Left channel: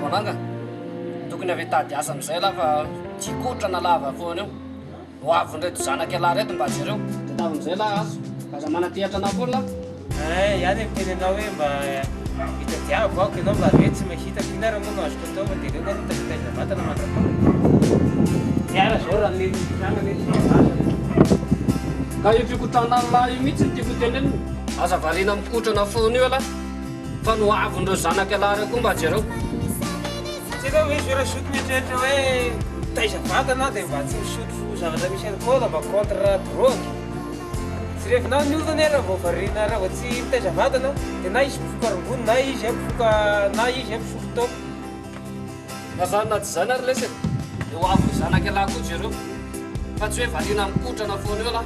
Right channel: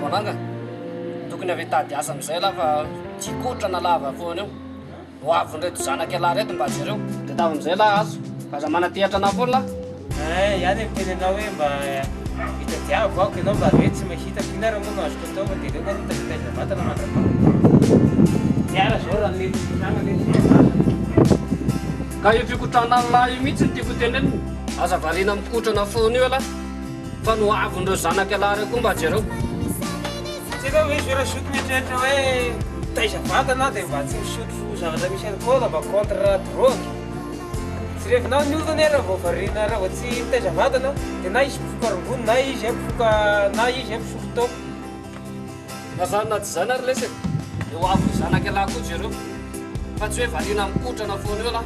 bonanga tokony avy tady asa am'izay la fa tikotrana lava foana eo ho avonreto zanaky ala reto mba zareo de tava am'izay la azo aza manatehatra anao foana la ihany teny anao hoe mba hitadiavo aoko ianao mba ve tsy mahita finara moa no azoko atao fa de reo ngany mitazitaiza vatana mandrapa tiara zao raha netitrana ka io fikotrana lahy io mihitsy ny tiako teneniny aza varina mikotrana foana io ala fa no avonreo zanaky ala reo koa mba jareo tsika hoe zorasotro mieritreritra hoe taiza vatana dia mba tsy misotro zavatra misy alcool mba contre drogue tsy rehefinao niovana raha vao varina raha vao tsy mitaiza vatana dia na izy mpifoka rongony na izy ampisotro tao fa zany na tsy zany ary lesy dia ho avy zanaky ala koa jareo fa tsy hoe varina mikotrana foana io la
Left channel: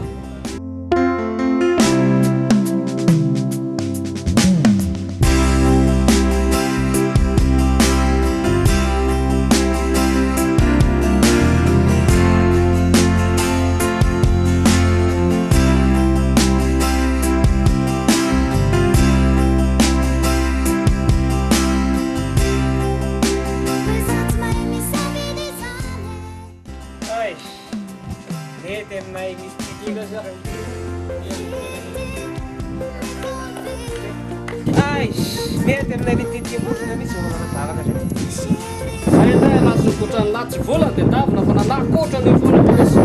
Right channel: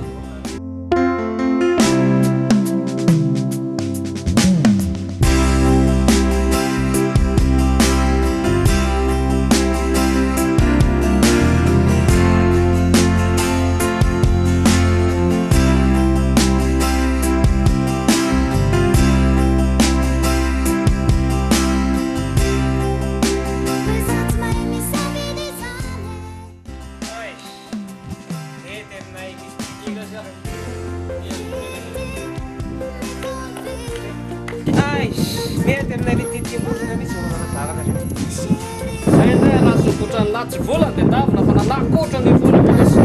mety aminay le titiakotrana mihitsy vo mananadalana zay zay ndray alaso kotrany lahy tsy volany dia davina fa nalahy kotrana io foana ve lesy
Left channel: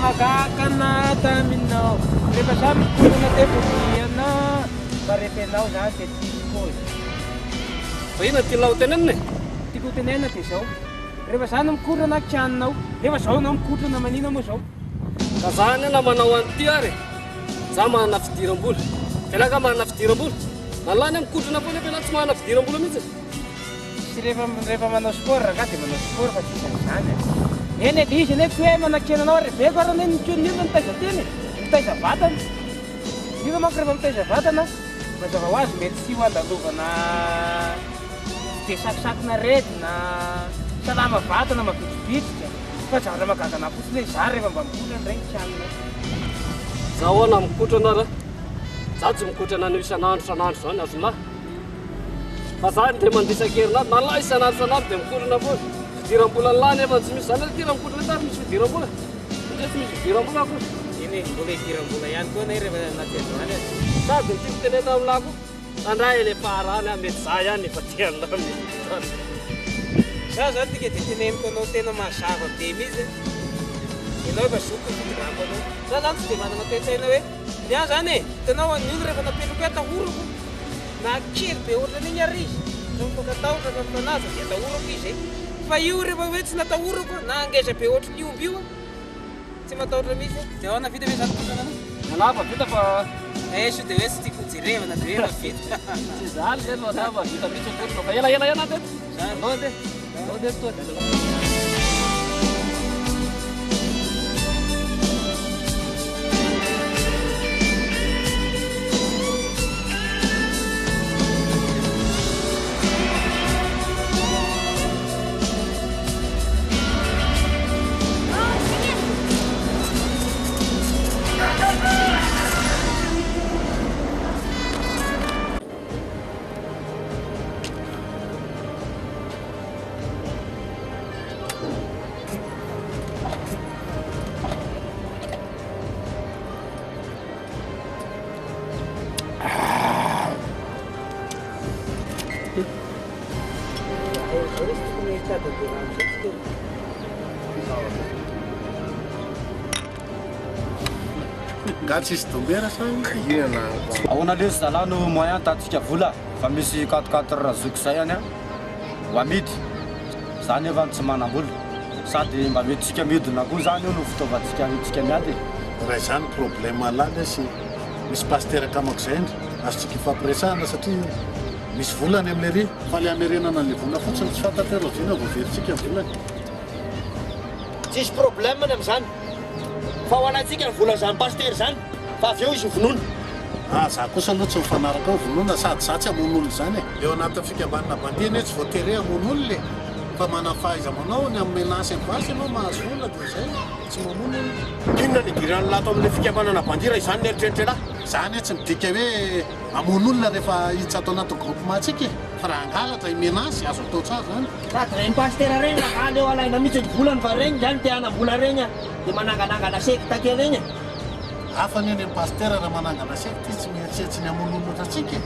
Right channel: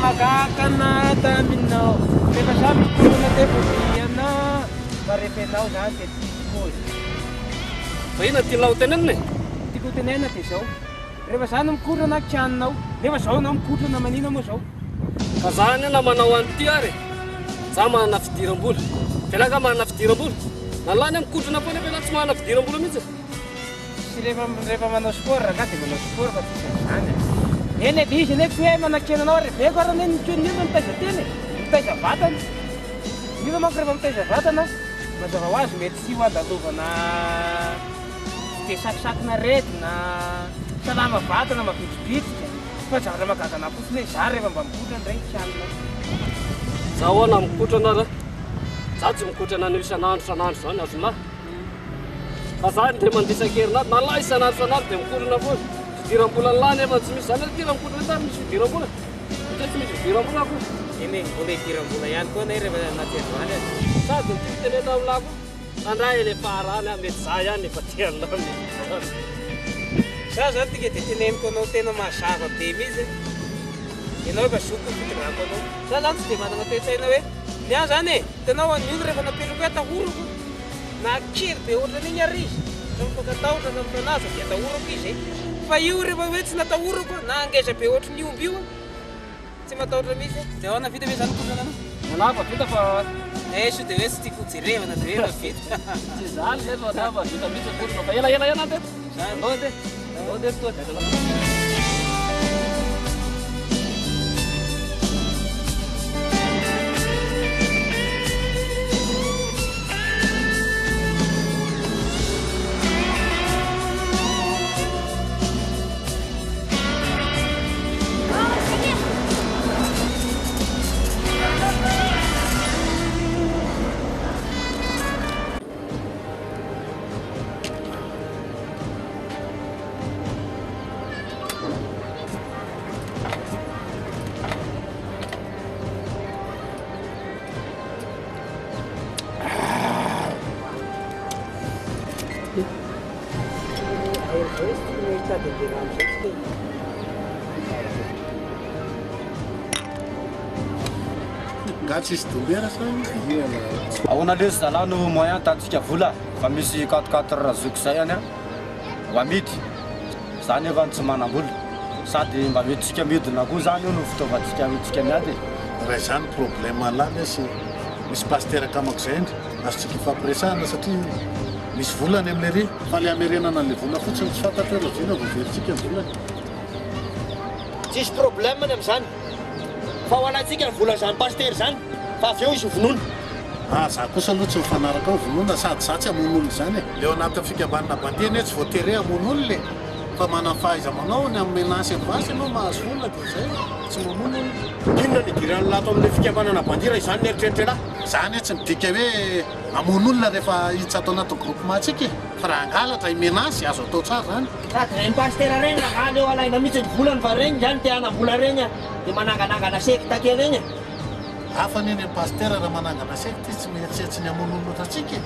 Magakana taminao rehefa za mikorana tevoviana fa rehefa ianao zany dia tiako fa ina tianao tenenina tiako tenena dia zao rehefa za no mikorana akitranonao nefa zao anao mikotrana manina moa zao ka zany ana manao an'ity ary za manana fidiram-bola felaka manana fidiram-bola na lany a mikotrana foana fela tsy manana fidiram-bola mihitsy sy rehefa manao sport raha dia manao sport fa tsisany zany eny dia izy nefa tsy hoe manakena anao reveko arany eny nitso niona mitaiza teny mitaiza vatana niona manko rehefa mitaiza vatana mazava ho azy mety sy ho andalovana de sakisakina retina salama vatana mavitribitrika fa zavatra magagana fotsiny hoe za rehefa mba mikotra ndray tianina zaho ahoana mikotrana ra za tsy mikotrana ny isan'andro isan'andro zany azonlahy fa za dia mandisa-kerinandro na lahy isan'andro dia mikotrana foana fidiram-bola ny lahy nefa tsy misy zany tira mikotrana tary misy fidiram-bola satria tsy misy fidiram-bola koa eny mbola hidiram-bola ihany koa na rehefa anaty androany azy sady ny tiako tenena amin'lahy koa sandray ele parany a mety za ihany efa tian'lahy misy za zany tika dia teneniko anao tena mazava be mihitsy ianao efa zoko fitondrako anao za zany tsy dia manana toe-tsaina hoe niany zany e hitanao any olo rehefa napetrako hoe atahorako na kely be ohatrany iny ary izy ka mifakatahotra ka mifanaja dia atahorako izy fa io rehefa hoe tsy natahorako na angeza be ohatry ny omby io tsy matahotra mihitsy dia ahoana vita hoe zany kotrana anao manapa vita fa so dia hoe tsy tiako jerevana dia hoe efa vita tsy zany zay manapa vita mihitsy kotrana fa ela andeto andao ande andao ande toa dadala gatsisy dombera sa inana ahoana lesy zalahy no moyen tatsika vola fa misy 4 razoko zay any a ho amidy zany efa tsy manam-bola sady mba metytsika midina koa zany io no fitaovantsika tsika miady raha izany problème lahy lesy misy pasterakamak zay ndry azotsika ifampiresahana satria misy volany amin'le ry fa le amerenana an'le vola fotsiny tsy fantatra hoe lavina voaveritsika ny volany tsisy problème ny am'izany fa ho anatsika ny vola zany paster zany fa avy eo izy ho vonoina za kosa aloha tsy mifanaraka ao vonoina sady za tsy hamon'olo zany e eo anaty fikambanana bandiny hoe tsy voatere hamon'olo le fa manafahaiza manao ny amin'ny menasy amin'ny vasy ianao mahazo vola dia zay tsy mamono inona ny idirany lato amin'le fikambanana bandira izany ny eritreritrelahy zany hoe tsy midika hoe hamon'olona rehefa hiditsy ato anaty groupement atsika e fa raha angalatra imenasy azo atao tsara zany sady reny paster reny raha leo alaina mihitsy ny volany fa reny zany te hanam-bola reny a dia mananganangana sekta kely reny e hafa ny eny amin'ny paster raha manangana sekta tsy mieritseritsy ny hamon'olo loatra atsika e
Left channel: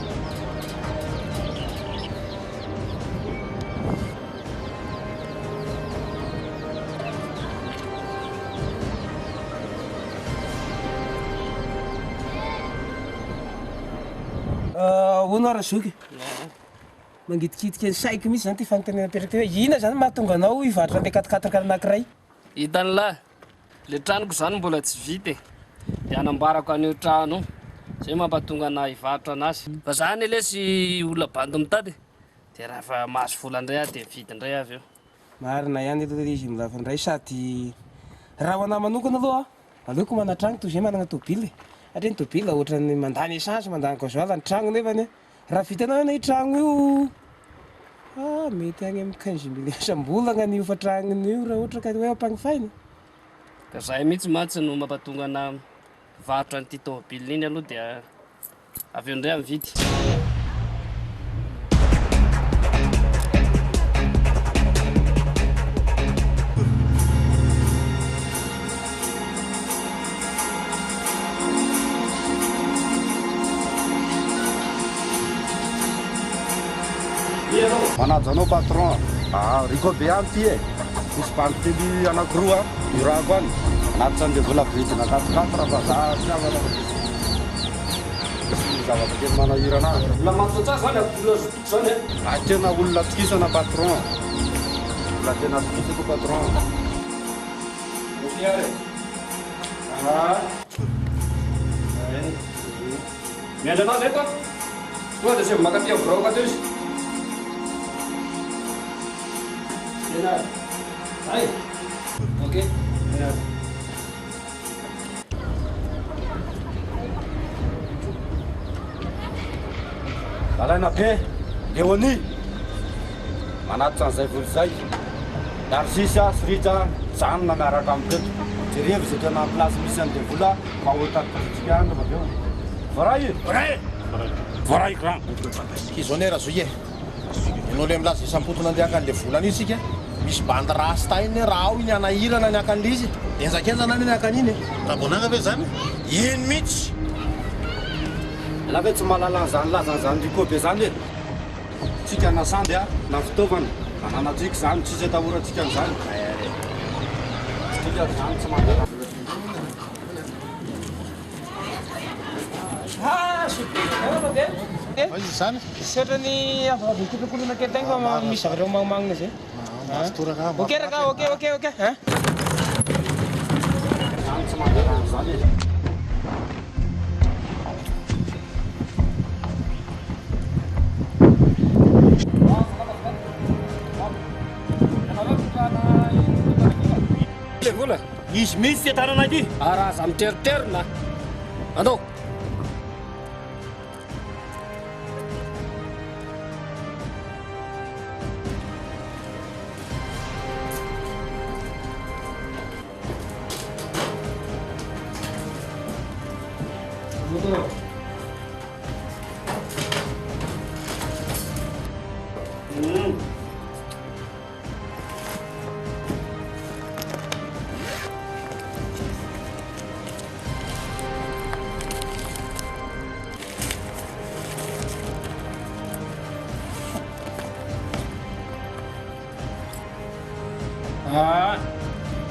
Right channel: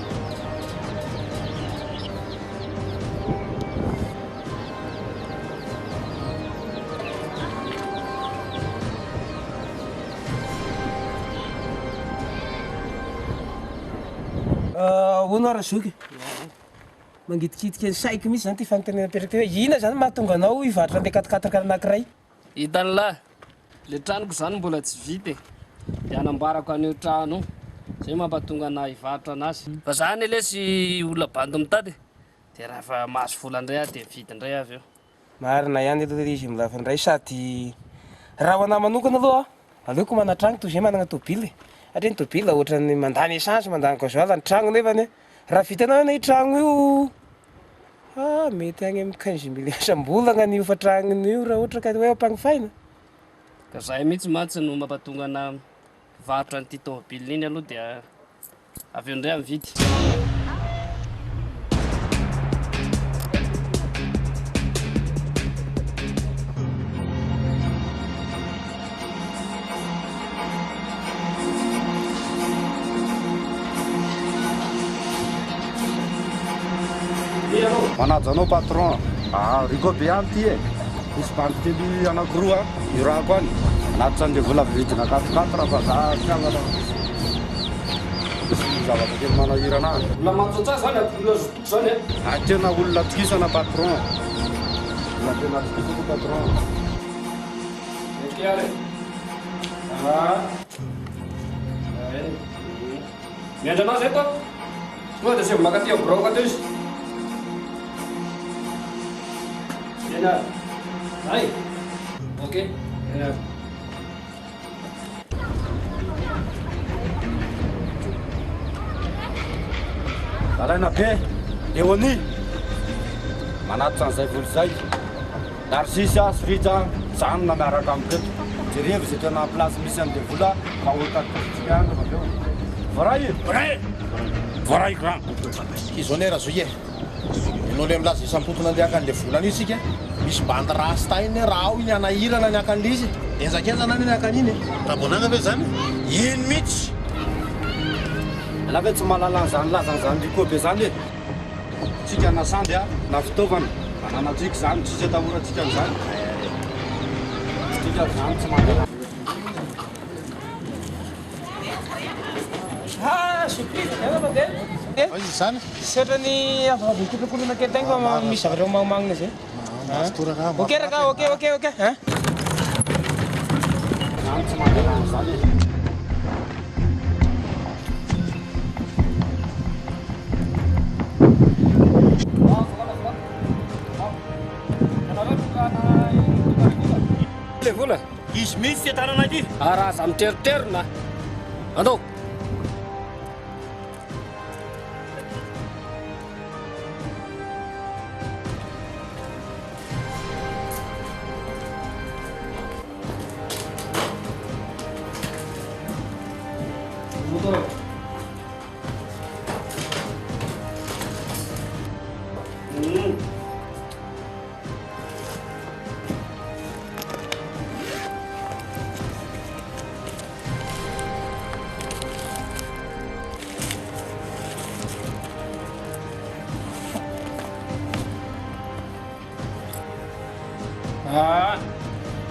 hono ara zoky mangidikitika ny saiko mihitsy zany ty fanontaniana petraka hoe ina zany mahatonga anao hivaritra an'le 4 anankiray hitany lahy le tranoko zany mbola tsy vita e dia anambarako an'io trano zay mampatonga ana hivaritra anazy fa zany lesy olona bandy mitady dia raha fa mahazo vola indray aho dia vita indray avy eo marina ihany aloha izy milava indray sady raha ho anahy manokana aloha aleoko mana-trano toy zay manana tobily satria ny tobily ohatrany mandany essence mandany gasoil ny trano nefany raha vitanao na trano io mety agny amin'ny 15 millions isam-bolana n'io fa tranon'io raha ohatra ka hoe ampagnifaina ka zahay mihitsy matsy no mampatonga ana varotra n'ity tômôbily iny aloha dia avy eo indray amividy manaja anao patron riko be any ty e misy banky anankiroa irako any anaty zany le vola vidina 4 fa za fiavana misy zavatra kely manahirana vola matsotsa zany olona zotoko zany e tena olona tokisana patron olona tena tokisako patron ok ary miandry anazy eto tonga dia seo makaty avoraka teo izy Renard. Aí. Ok. Renard. Zalaina be, Leonie. Manaty an'izay voly zay. Narsisa, Srita, janona miaraka amiteto. Jerevy izay tena place misy an'ilay vola mba ho tatitrika any avy eo. Voray! Voray grand. Izonera zoye. Ianao le milaza isam-potona andeha an'ilay volana io sika. Misy bandy rasta iny raha ao iny anahirana ny akan'ilay izy. Enjakenjana ny akan'iny. Rabonanga ve zany? Ino mihitsy? Ela ve tsy mahalala an'izany lazan'izany riko be zany e. Tsika nasandy a, na fitaovana. Mananatsika zany, tsisy atahorantsika an'izany. Tsika zany tsy mandeha. Surprise tegna mandeha. Izy zany? Setrany afaka mikotrakolona kely tegna fa misy zavatra magnomagnina zay. Mastoraka. Ok raka, ok. Zany tsy mandeha an'izany e. Le vola Izy mihitsy ty tanana ity. raha za miteriterina andao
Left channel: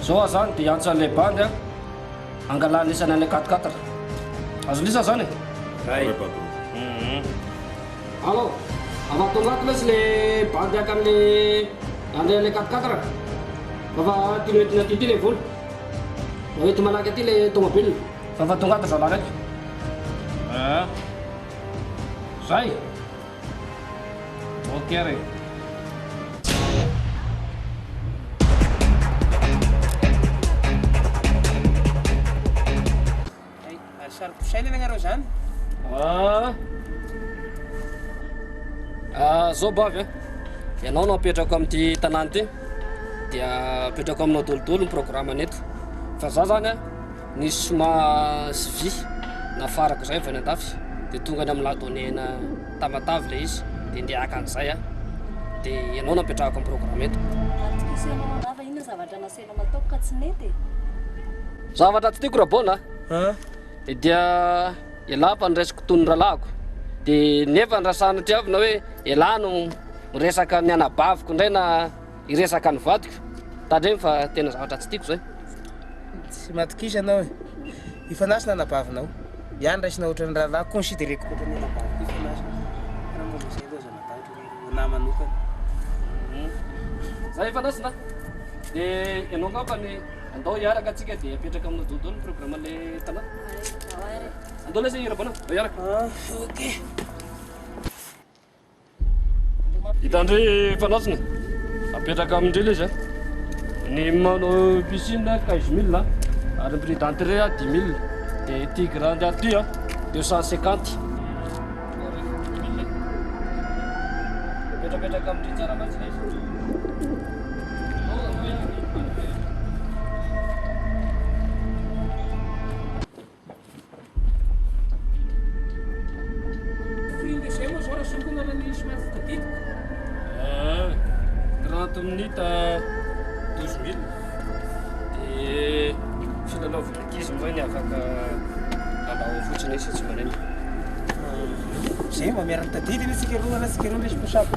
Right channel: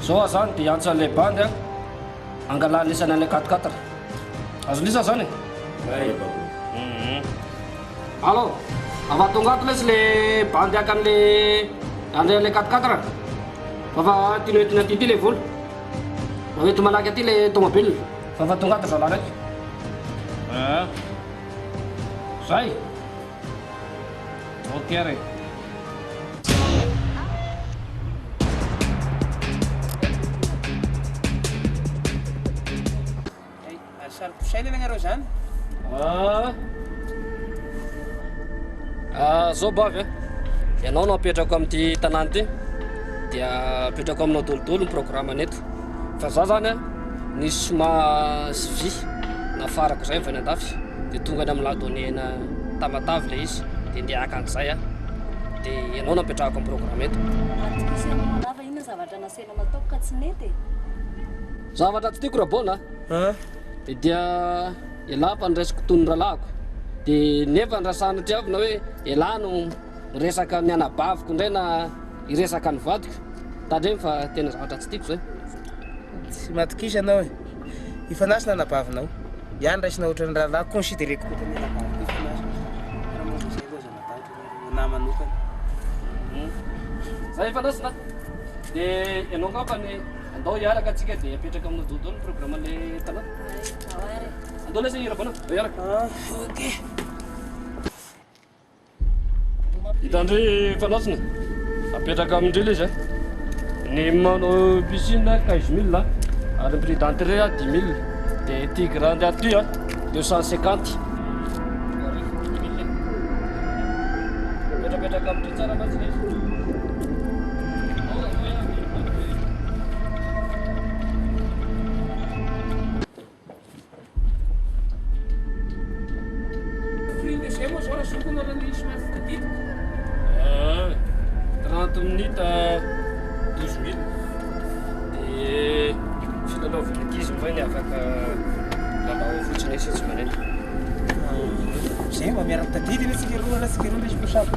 zao zany dia antsan'ilay bandy a angalany lisana an'ilay 4-4 azo lisa zany allo ava tonga ato lesy le bandy aka an'ilay 4-4 fa tiano entina aty ty le vola maety malaky aty le tomobile fa tonga ato zala raiky zay ok re Saroposaina anareo zany. zao bavy a ianao no apetrako amin'ity tanàna ty dia apetrako aminao dolodolo ny programme neto fa za zany a nisy soma sy vy nafarako zay vany andafy dia tonga any amin'ny ladonena tamatavy le izy dia ndiaka an'izay a dia ianao no apetrahako amin'ny programme eto Atikisena manava ina zavatra nasena mataoko ka tsy nety. zavatra tsy tiako rabona dia ialapa ny resako tony ralahako dia nefa nyrasana triavina hoe ialahy no miresaka ny anabaviko indray na iresaka ny vadiko tandreny fa tena zavatra tsy tiako zay Tsy matokisa anao e. Ifanasina anabavinao. Iany raisina ohatran'ny rahalahy considéreko ohatran'ny anabaviko ifanasina. Raha moa zay koa zany natao ohatran'ny namanokana. zay ifanasina dia ianao ngapany andao hiaraka atsika dia apetraka aminao dodolo ny programme le tanàna Aware. andao lesy irabana andao hiaraka Ok. hitandry fanasina apetraka amindreo le izy ny manao piscine 15 000 ary prix d'entrée a 10 000 dia tigre andeha aty a 250 apetrapetraka amindry tsara matsy le izy Prix zay moa zao raha sokona raha ny somary fitadidy. 30 minutes 12 000 dia filalaovana ankizy moa ny afaka lalao fotsiny izy tsy maneny Zay mba miara mitadidy ny tsika roa na tsika roa ndray sako.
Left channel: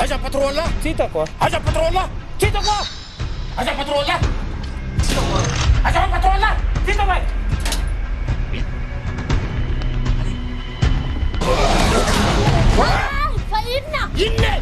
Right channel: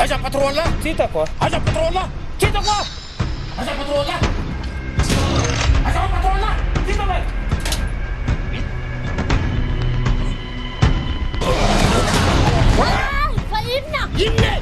Aiza patron là. Titako. Aiza patron là. Titako. Aiza patron là. Aiza patron là. Titalay. Fa inona? Inne.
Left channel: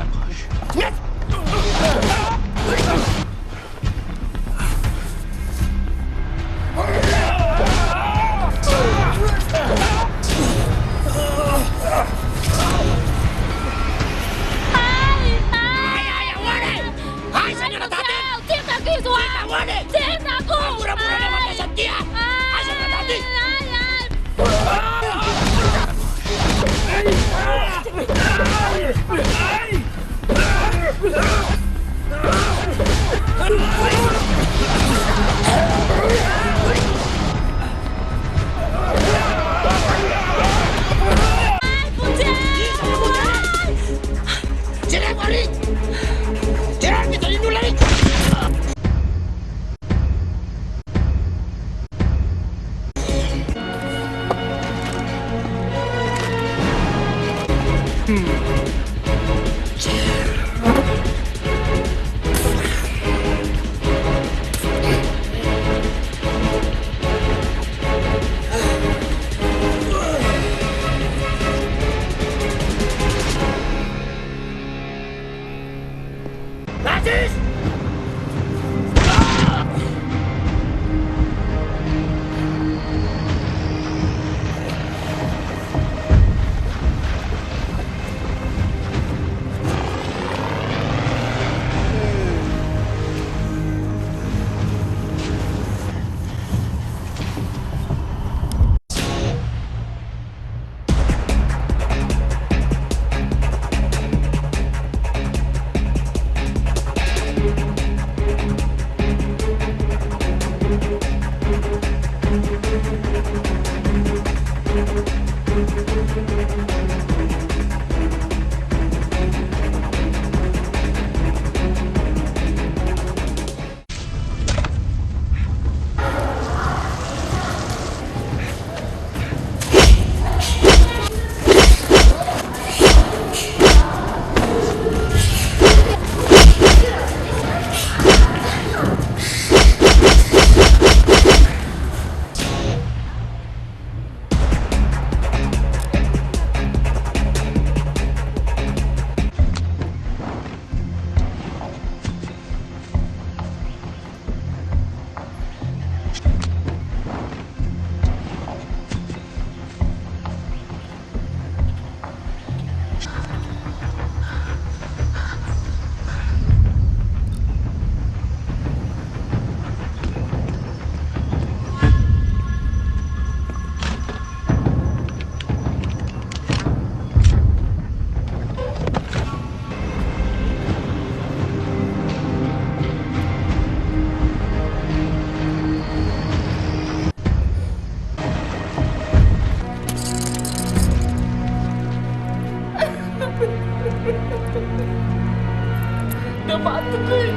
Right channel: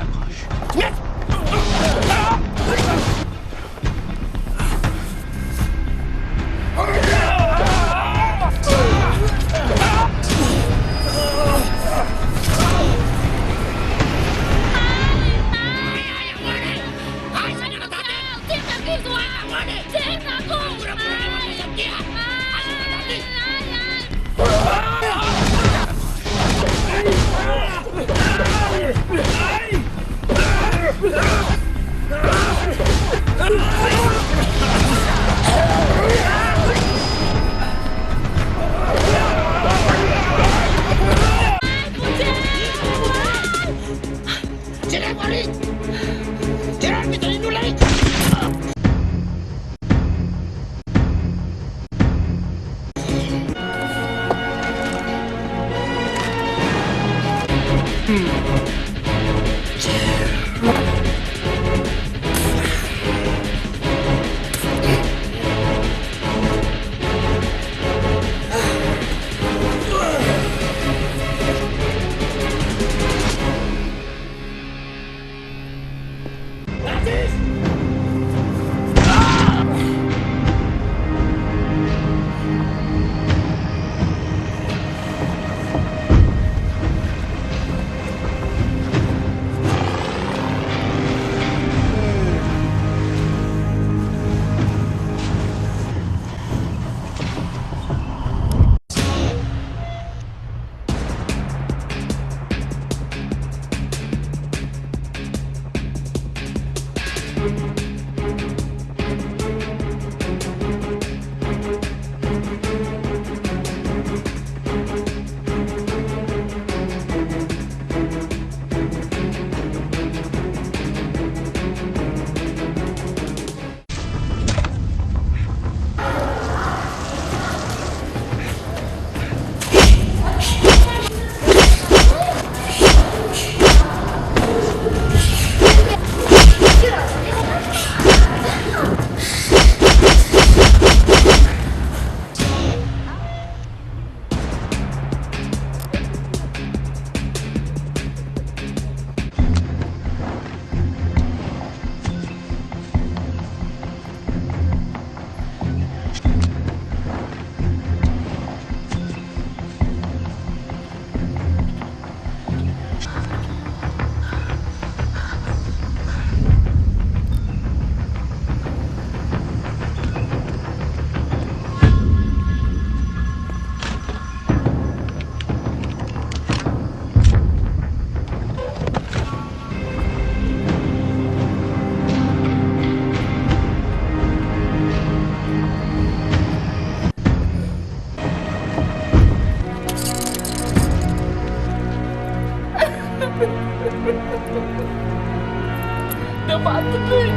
Udah mati gue.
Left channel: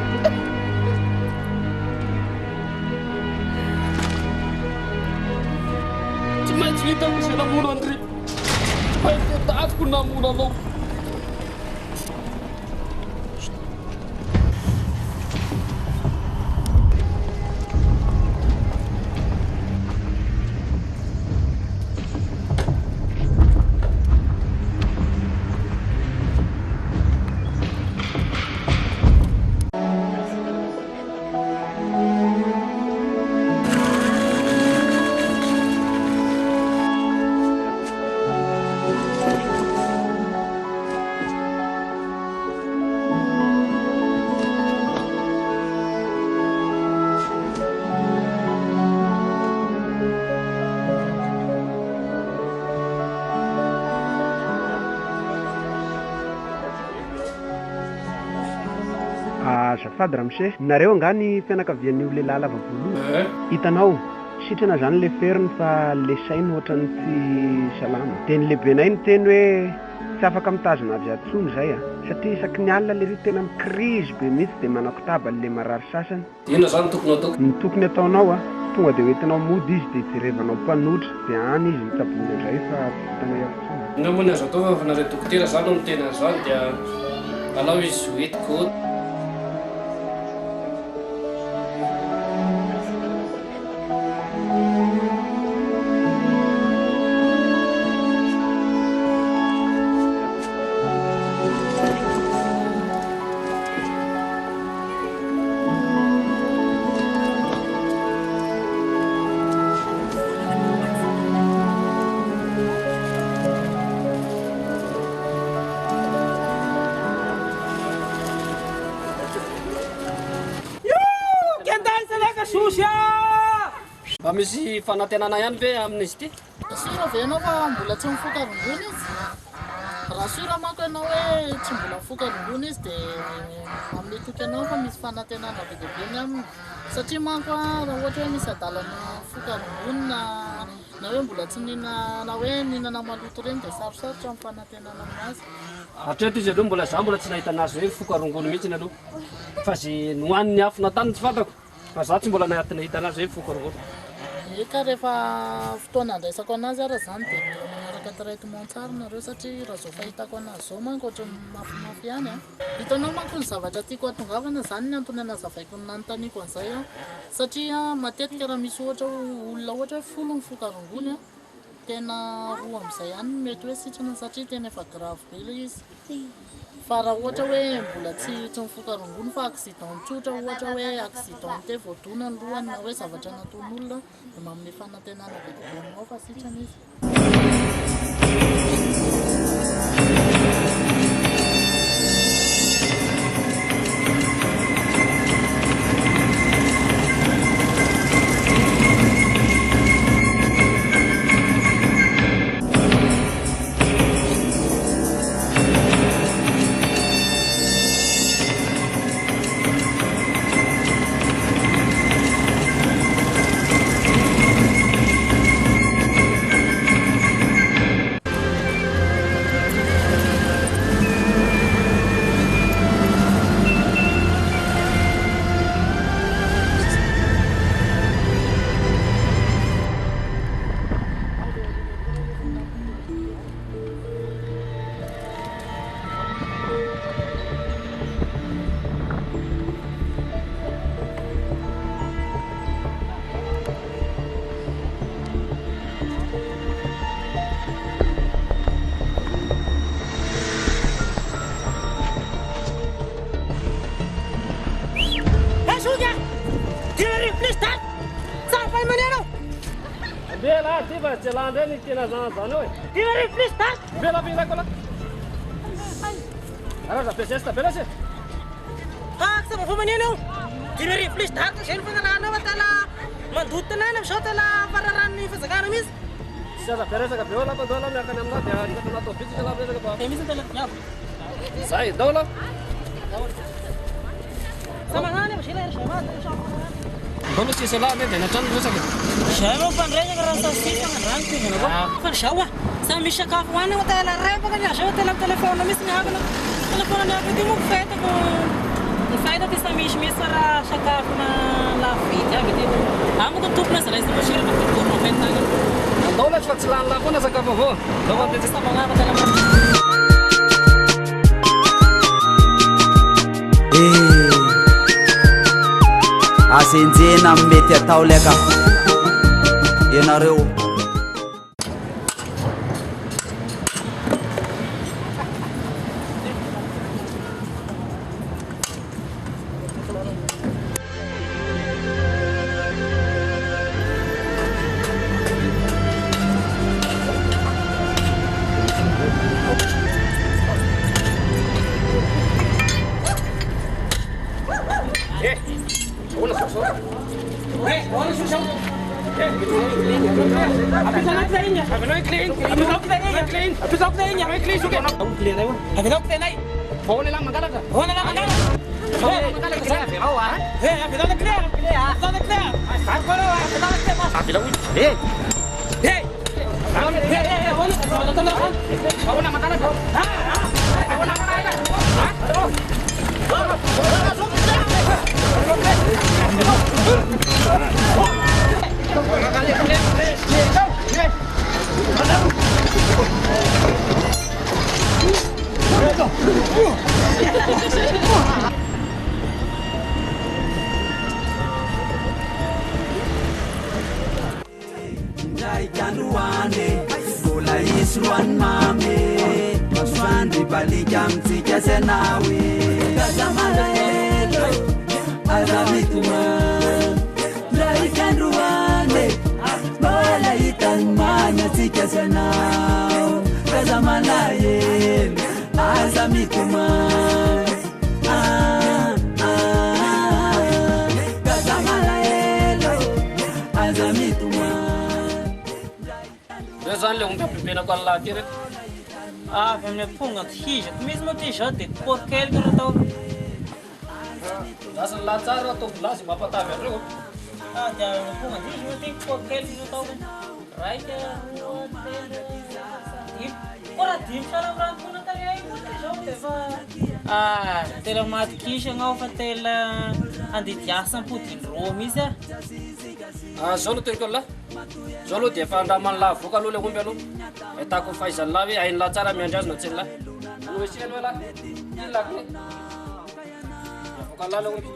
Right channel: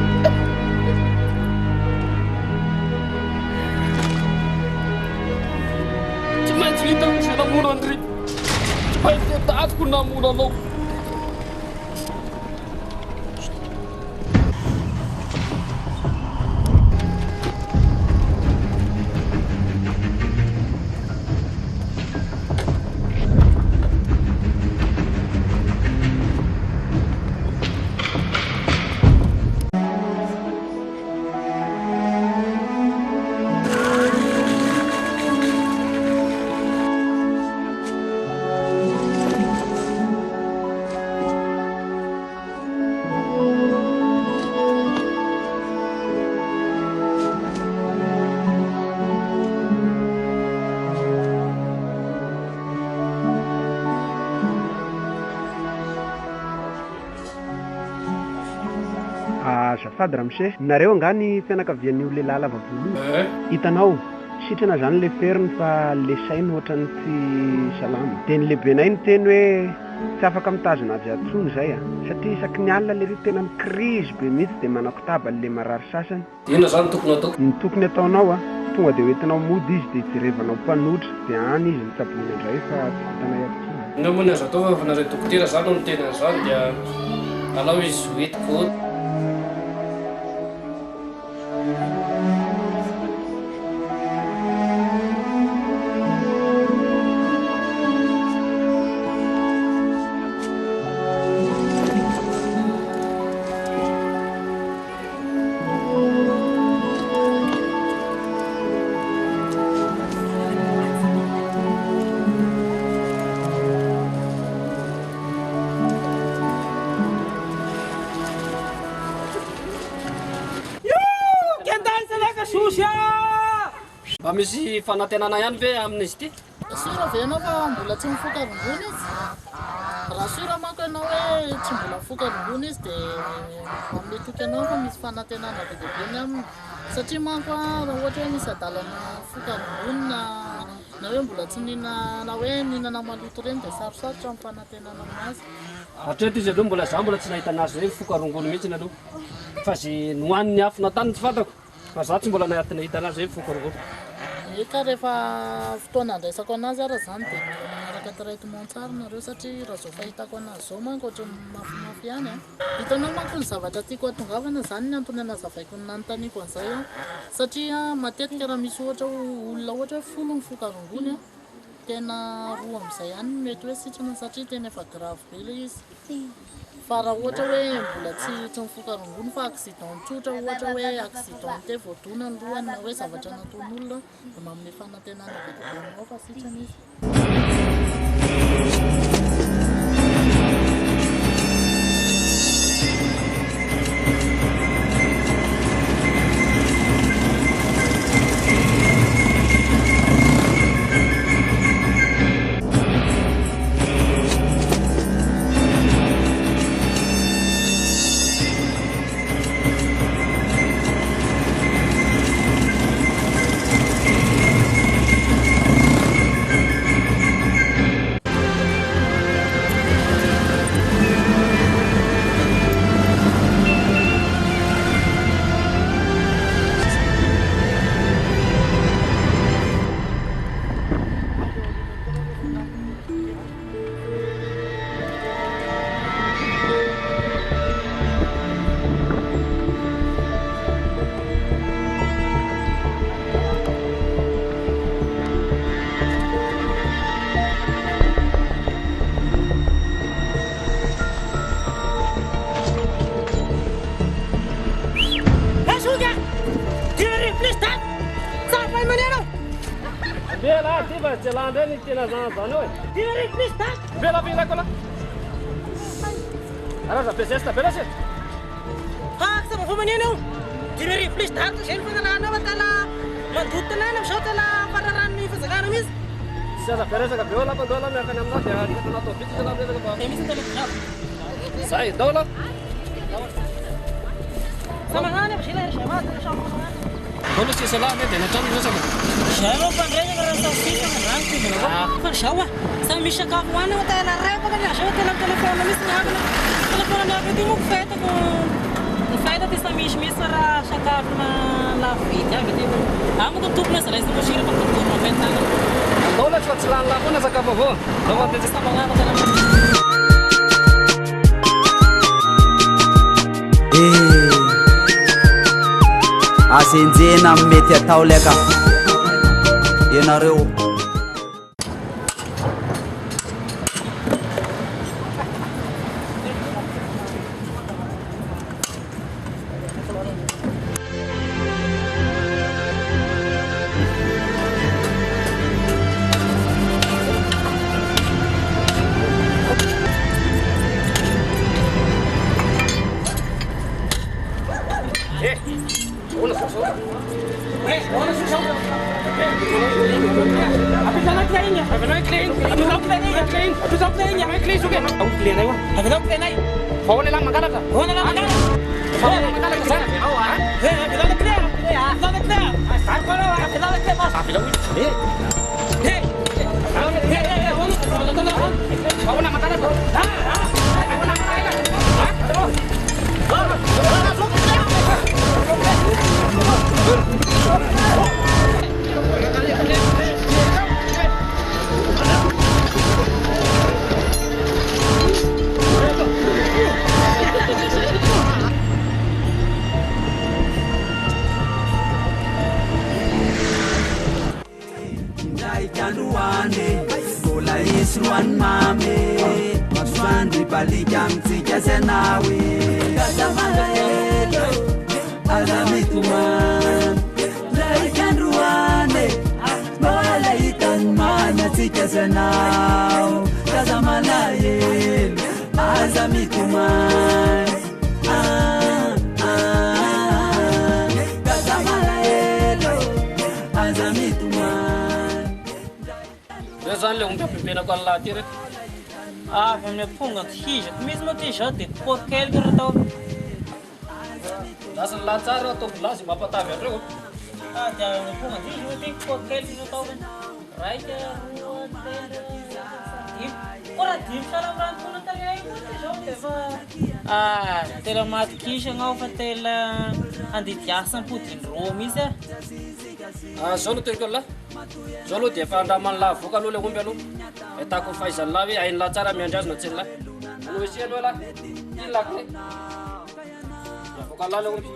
Cuma cerita bisa namunan Dri. Supaya dia taat ku namunan lo. Azafady ramose, nareo angany fianakavian'io lehilahy lava volo hitanao sitrana zany le feriny fa le sainy ohatrany tsy salama dia ny lehibenay ny teny hoe tsy afaka mitazona avy atsony zay satria isaky ny alina le ry tena mikrizy be mihitsy dia manako tabany le marary sasany. Inona zany tokony atao? Ny tokony ataonao tonga dia hoentinao mody izy dia jerevanao mpanotra dia any izy mitsabony indray fa tsy vitanay afotsiny. Inona moa ny azo atao fa nareo dokotera zany no tena zany dia alao izy hoetiko. Mba misy fanantenana ihany ve amin'izy ity? Sura ve ianao fa mbola tsy mifoka rongony izy? Raha sura manko ianao hoe tsy mbola mifoka rongony izy dia mametoky anao fa misy fanantenana be dia be ny aminy. Satria manko raha ohatra hoe misy adalana mifoka rongony na hoe mbola tsy nina na hoe ninana maloto ireny dia sarosarotra amin'ny fanantenana aminazy. Hatreto izy aloha mbola za mbola tsy nahita anazy hoe mifoka rongony mihitsy aloha. Fa zy nohaniny afona tany tsy fantako. Fa za tsy mbola nahita anazy hoe mifoka rongony. Eka rehefa fotoana andraisako anazy ara zany dia manaraka traitement tsara nareo satria raha zao fahitako anazy zao manko ohatrany mafimafy ihany hitanao manko ny zavatra tiako hatongavana zany ny antony anazavaiko ny nanontaniako an'izay satria matetika raha misy ohatra olona ohatra hoe folo mifoka rongony tena roa amin'izay ihany mety hoe sitrana satria tena efa grave be ilay izy. Fa raha ohatra hoe mbola tsy mifoka rongony fa accident tsotra ohatra hoe accident te voadona ny lohany na hoe zavatra nataon'olona dia manome fanantenana be dia be aminao fa sitrana izy. Bela, tiva, celanda ni tena zany hoe. Tiva ry plus tas. Bela kola. Ara za pesesta bela se. Ha, sa mo maneno. Tiva ry plus tas, sen fa na watala. Mandutana na shotala pararan ni fasagana mis. Sa peresa ka bela pa dola mi akan amna dia di katana to biti jala bela ka. Temis tala. Sai dola. Sama ngane ba sila shema shama. Dola si sala ne dena tan dosa. Shema pandrenya ka rasa sika na ranti na. Fa shawa. Sa mi sakafo ana watala reba ka ya shawa tela telefono mis na agna. Telefono na pwede mo feta ko. Feta ti sa mis para sakafo na la fita pwede. Amo ko tup na sa isa mo shira pa ko mo feta. Dola sa tsalan la ko na sakafo ho. Dola ti sa mga ko tala. Asenjena mety atao leka ianareo. Kanduane, bola isruan mame, maswandi balikam tikasenawe, kazamalelo, azamituman, dai kanduane, bola itan mana tikasenaw, kazamalelo, azamituman, kazamalelo, azamituman. Zany le omby ampipenako an'lahy ty reky avy amin'ny amponga tihizako misy moa ty zao dia pokely raha tao lasa ny lahy tsara ataovy lazy mampatavy andreo dia amin'ny amponga tizy moa ty pokely raha tao raika roa telo dimy ko raha dimy salambrantona tariay moa ty zao dia fa tela matikisana ao fa tela andidiasa ampodin-droa misy zao aloha teniko an'lahy zao aloha dia efa andramany lahy voka aloha le omby aloha ahitako fahaizany lahy hoe hainy lahy tsara miandry azy na tsy ny lahy anoesy aloha lahy iny lako hoe voka lahy le omby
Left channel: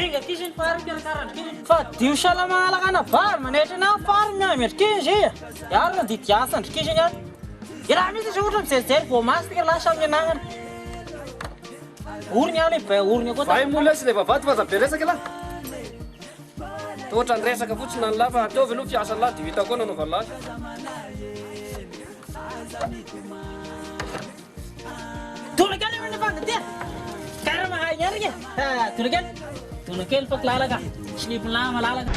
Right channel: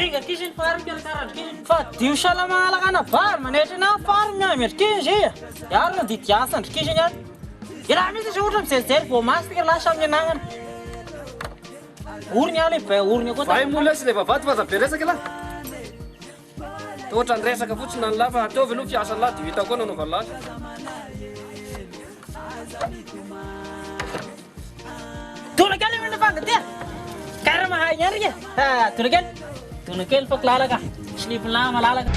enga kisiny fary karakarandrikisiny fa dio salama alakana vary manetry na fary miamendrikizy iaro na didiasa andrikisiny any iraha misy izy ohatra mijerijely voamasy tika lahy samy ananana orony aho lehibe orony koa vai mola sy le vavady fa zabe resaka lahy ohatra ny resaka fotsiny ny lahy fa ataovy aloha fiasa lahy dia hita koa nanaova lahy tonakely mena fangatya kara mahay ny arika tonakely fa kilalaka slipin-lahy malalaka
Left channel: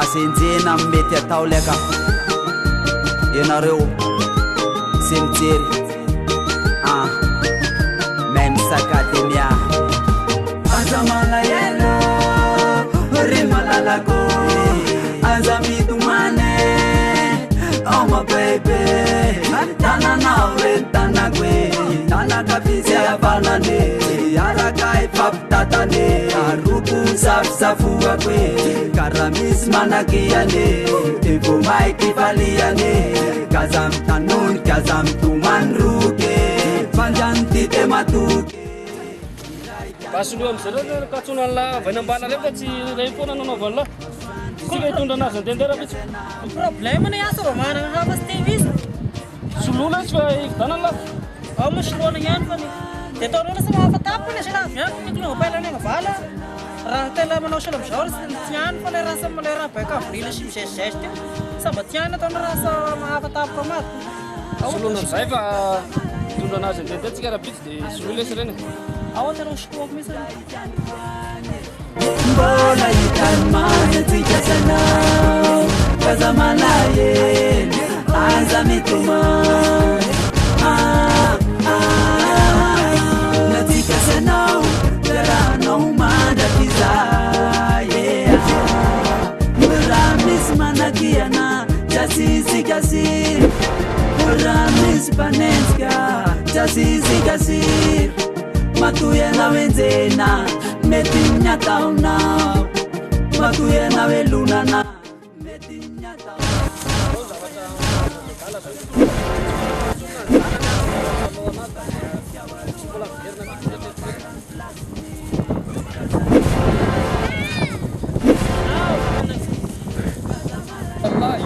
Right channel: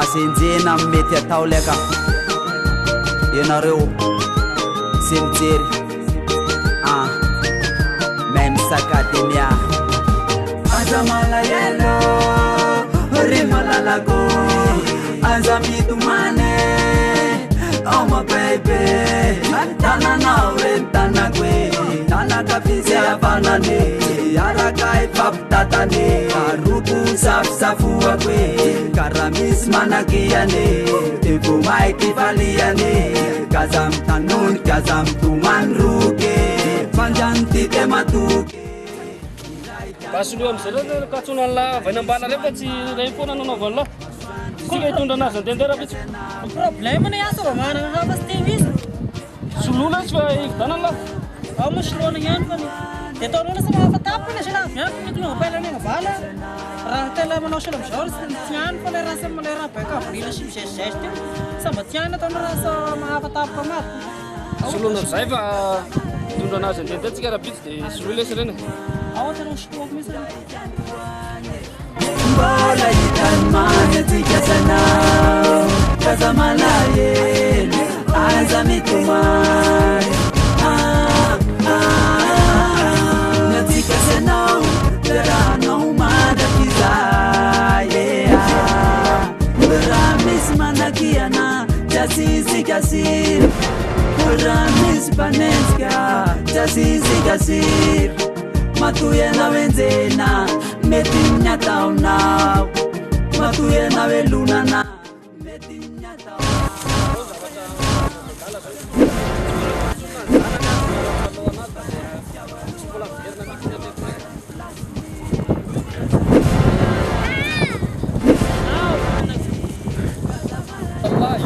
asenjena mety atao leka ianareo sy mijery même sakademia aza malayelo ry malalako aza mitomane oma bebe tananao reny tanako e tanaka fisy avanane araka ifampitatane aroko safosafoako e karaha misy manakiane de vo maiky faliane gaza mitanony gaza mitomany roke fanjany ty te matoky basoloha amizay katsona an'lahy vainambala refa tsy ray foana nanaova an'lahy tsika hitondra anazy andendera vitsy problème na asa vao manana hafa sy te misy solola izy fa ividana an'lahy ao mo soloana ihany fa ny dia ataonao lasa mahafatapony sy laha mianko mikolonga pailana vala raha tela manao solo amizao tsy ihany fa le rasa le raha baika avrila sy mizezizesy teo samba tsy ihany ataona rasa mahafatapoka maty soloana amizay fa hitondra anazy andendera tsika raha bitsy dia solola isy reny ao atanao soloako misy mbola hitany manatsika sanao kaza malahelo aza mitomany natsika sanao rahanao mandrakizay raha misy manakiana jasizikasiry raha misy panenjika jasizikasiry matoyanao enjena mety miataonao matoyanao elonana mety miatao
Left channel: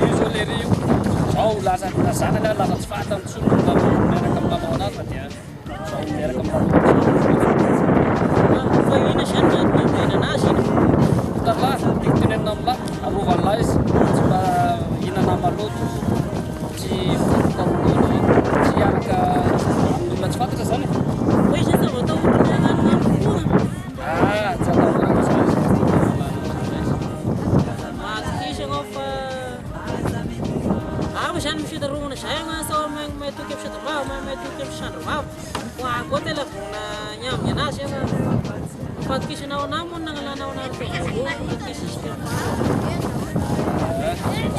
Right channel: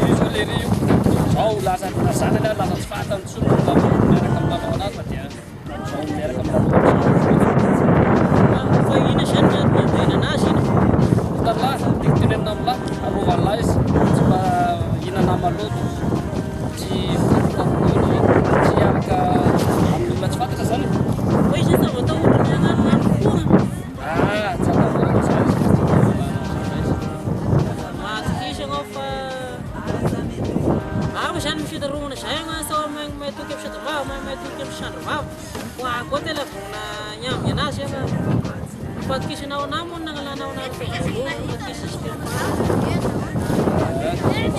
izy le ry io Zao lasa zany aloha lasa tsy fahata mitsotra miaraka amin'ny lalao anazy fa dia zao miaraka amin'ny lalao fa ina zany miantony amena anazy ina tarlahy tiako tenenina amin'lahy arovan'lahy izy tsy mba hinana maloto tsy fokafokaokony tsy hiaraka amin'ny olona tsy fantatra zany fa izy zany atahorany agnanognano foana tsy atahorana zany izy matiky izy anao fa ava zany mifitarovana zay agnasa mahatoky amin'ny sadavava mahatoky amin'ny sandravava ho akoa tela vorona nyaminy anazy fa mipatikisanao anamony nagnalanao anazy fa voalohany mipatikisan izy teafara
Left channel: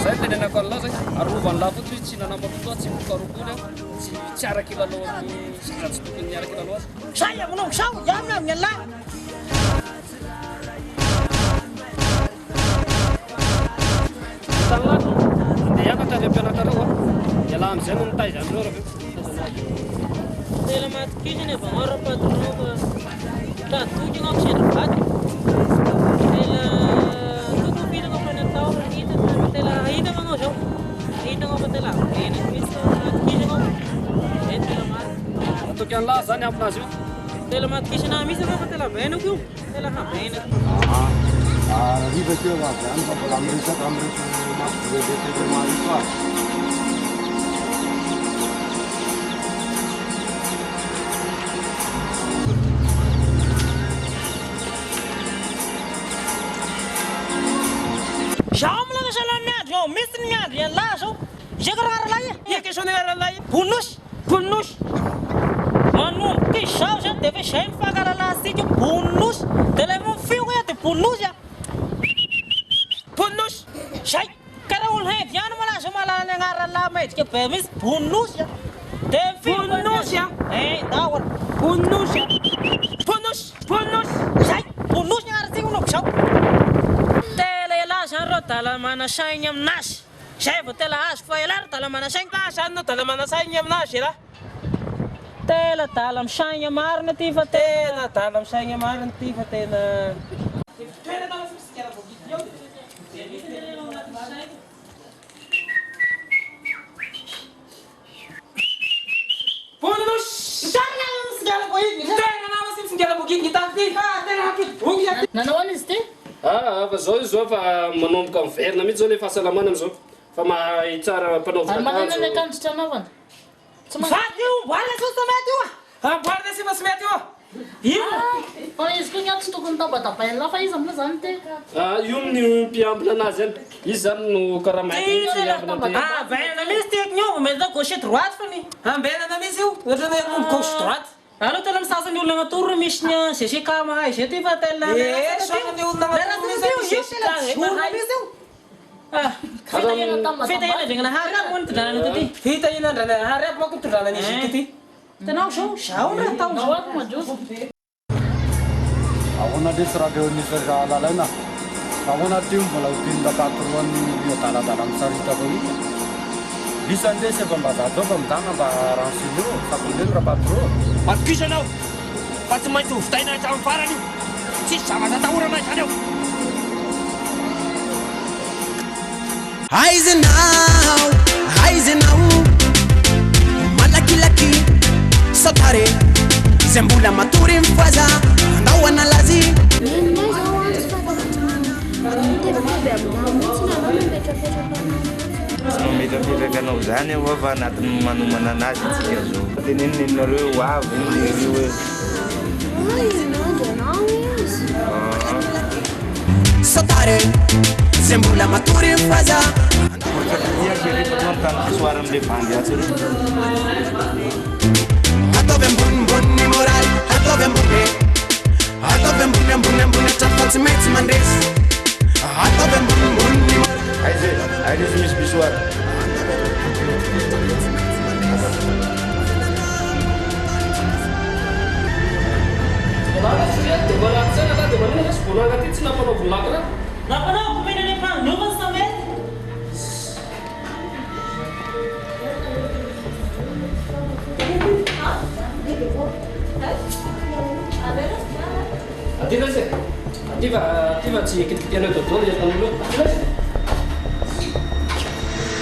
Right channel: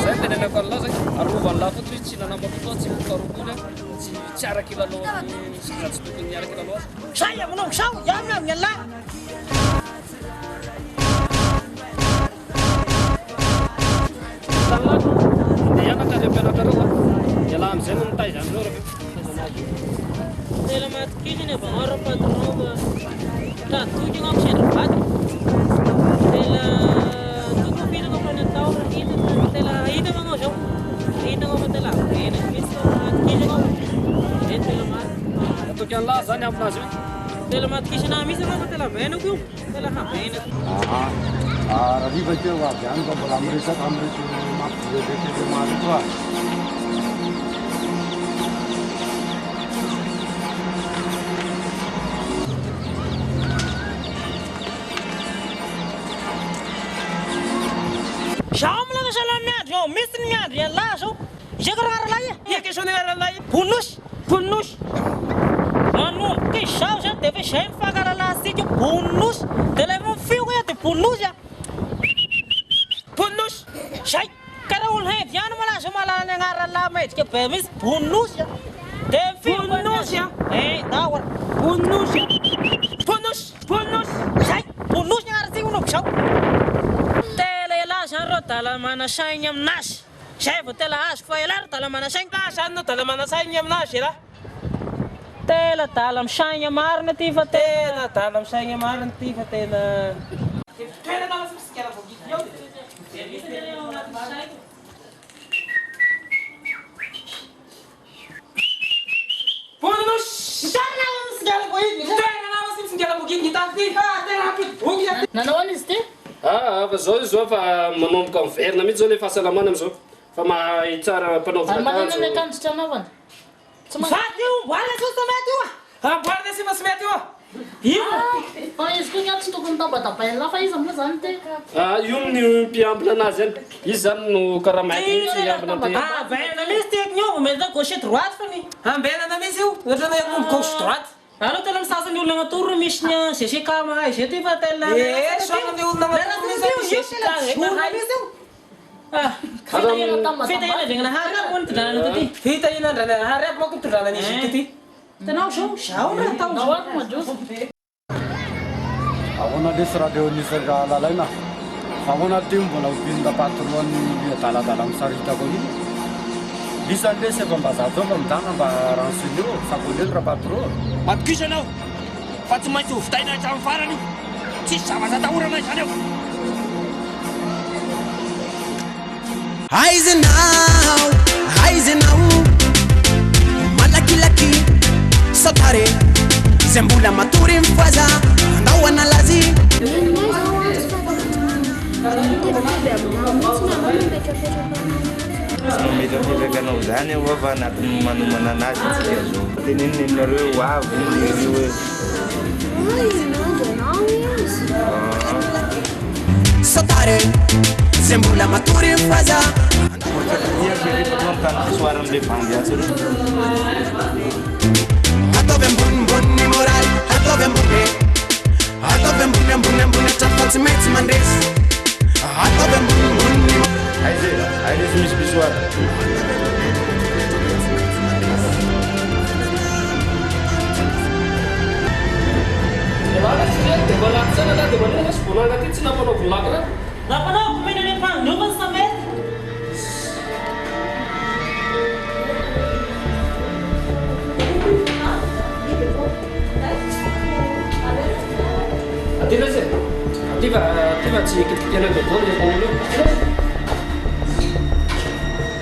zay tenenako an'lahy zay arovan'lahy fotsy izy tsy nanamaloto tsy fokarokony tsy araky lalao amin'ny sisa tsy tokony niaraky lalao azy zay aminao sao iamina aminy alahy tanlahy andeha hianatra avy ampianatra reo iala am'izay no mitaiza am'reo raha taizanazy tela matikizany avao ra patron fa tratoky anao sendravady tela toko firana fa ny atao ra hita fa tela ahitana anao zao ahitanao fa tela avenaky mihitsy matikizy anao zay tela maty atoky an'lahy zany aminazy io tela matikisana mihitsy anao fa tela avenako io tela havenako raha rivakeo avy any fa mbola miresaka amireto mampivevetete maro ito a zao milaka sala miandro ao misy ny miandro ialahy zao izaka raharalahy iakesonaralahy bonosy bonosy manomboka izy zao zany dia efa izay mifankalalahsika bonosy dia ilay mifio koa dia bonosy a bonosy zay karaha olo hedy ihany malaza malala ny agnaralahy maidika be misy bonosy a dia mifio bonosy a dawara bonosy a bonosy bonosy zay bonosy ny agnaratsika manoko zao tela ialahy zany reo dala manasaigny aminazy zay vao tela azo fa ialahy ro dala manasaigny zany no dala manasaigny aminazy ialahy tela dala misaigna marina ty fa tena dala misaigna marina ty fa tena toerana misy misikala voagidy eo bonos toerana misikala voagidy toerana misy misikala voagidy gitaky ty tena hampidibongy nanao any izy ty fa zao izy zao fa manomboka miverina mihitsy zao le fahasalamana am'izao fa mahitsara mpanao ary manana ny akanjo tsy anaovana Vady io, mboarina tsy mety io amboarina sy tsy mety io io fa izy koa ny tsy tokony tabatabaina fa izy amina zany ty io ny mpiambina anazy any izy zany no karaha mainty tsy ambina ty ambenana misy tiako ny ova mety gauche droite fa ny ambenana misy io ohatra hoe gauche droite aloha tena misasany olona agnatoro misy ny GCK mahay zay ty fa tena sonany olona fitahinan-dragnanahary moa ny tondranana ty fitahinan-dragnanahary aby manko tondranany izy ity ty tanao zao na atao ahoana lesy raha leo nisy lalaina ahoana ty mbola hopinda patroany adaladala misarita koa iny lisany lesy efa mba zato fa midana mba ransine eo sabolely raha patro matokisa anao fa tsy maintsy hovitaina hatramin'ny farany io tsisy zavatra atahorana izany eo Aizenao malakilaky satare izay mbola matory mifoaza andao analazy metrapetraka anao zany eo fa anatiny manomana anazy tsika zao teneninareo avy io hoe satare izay mbola matory mifoaza soir am'le vandy atsy reo ataovy ambonimbony moraly ataovy ambony ambony atrafa tsy maintsy mandresy ataovy ambonimbony ay lesy misy bisoara dia malaky sana lahy dia manina lesy vonanga ty tsy nampanao volaka raha nampanao komena ny mpagnova sa mety ativa zay ativa tsy kitikitiana dodolo izy tanolo eo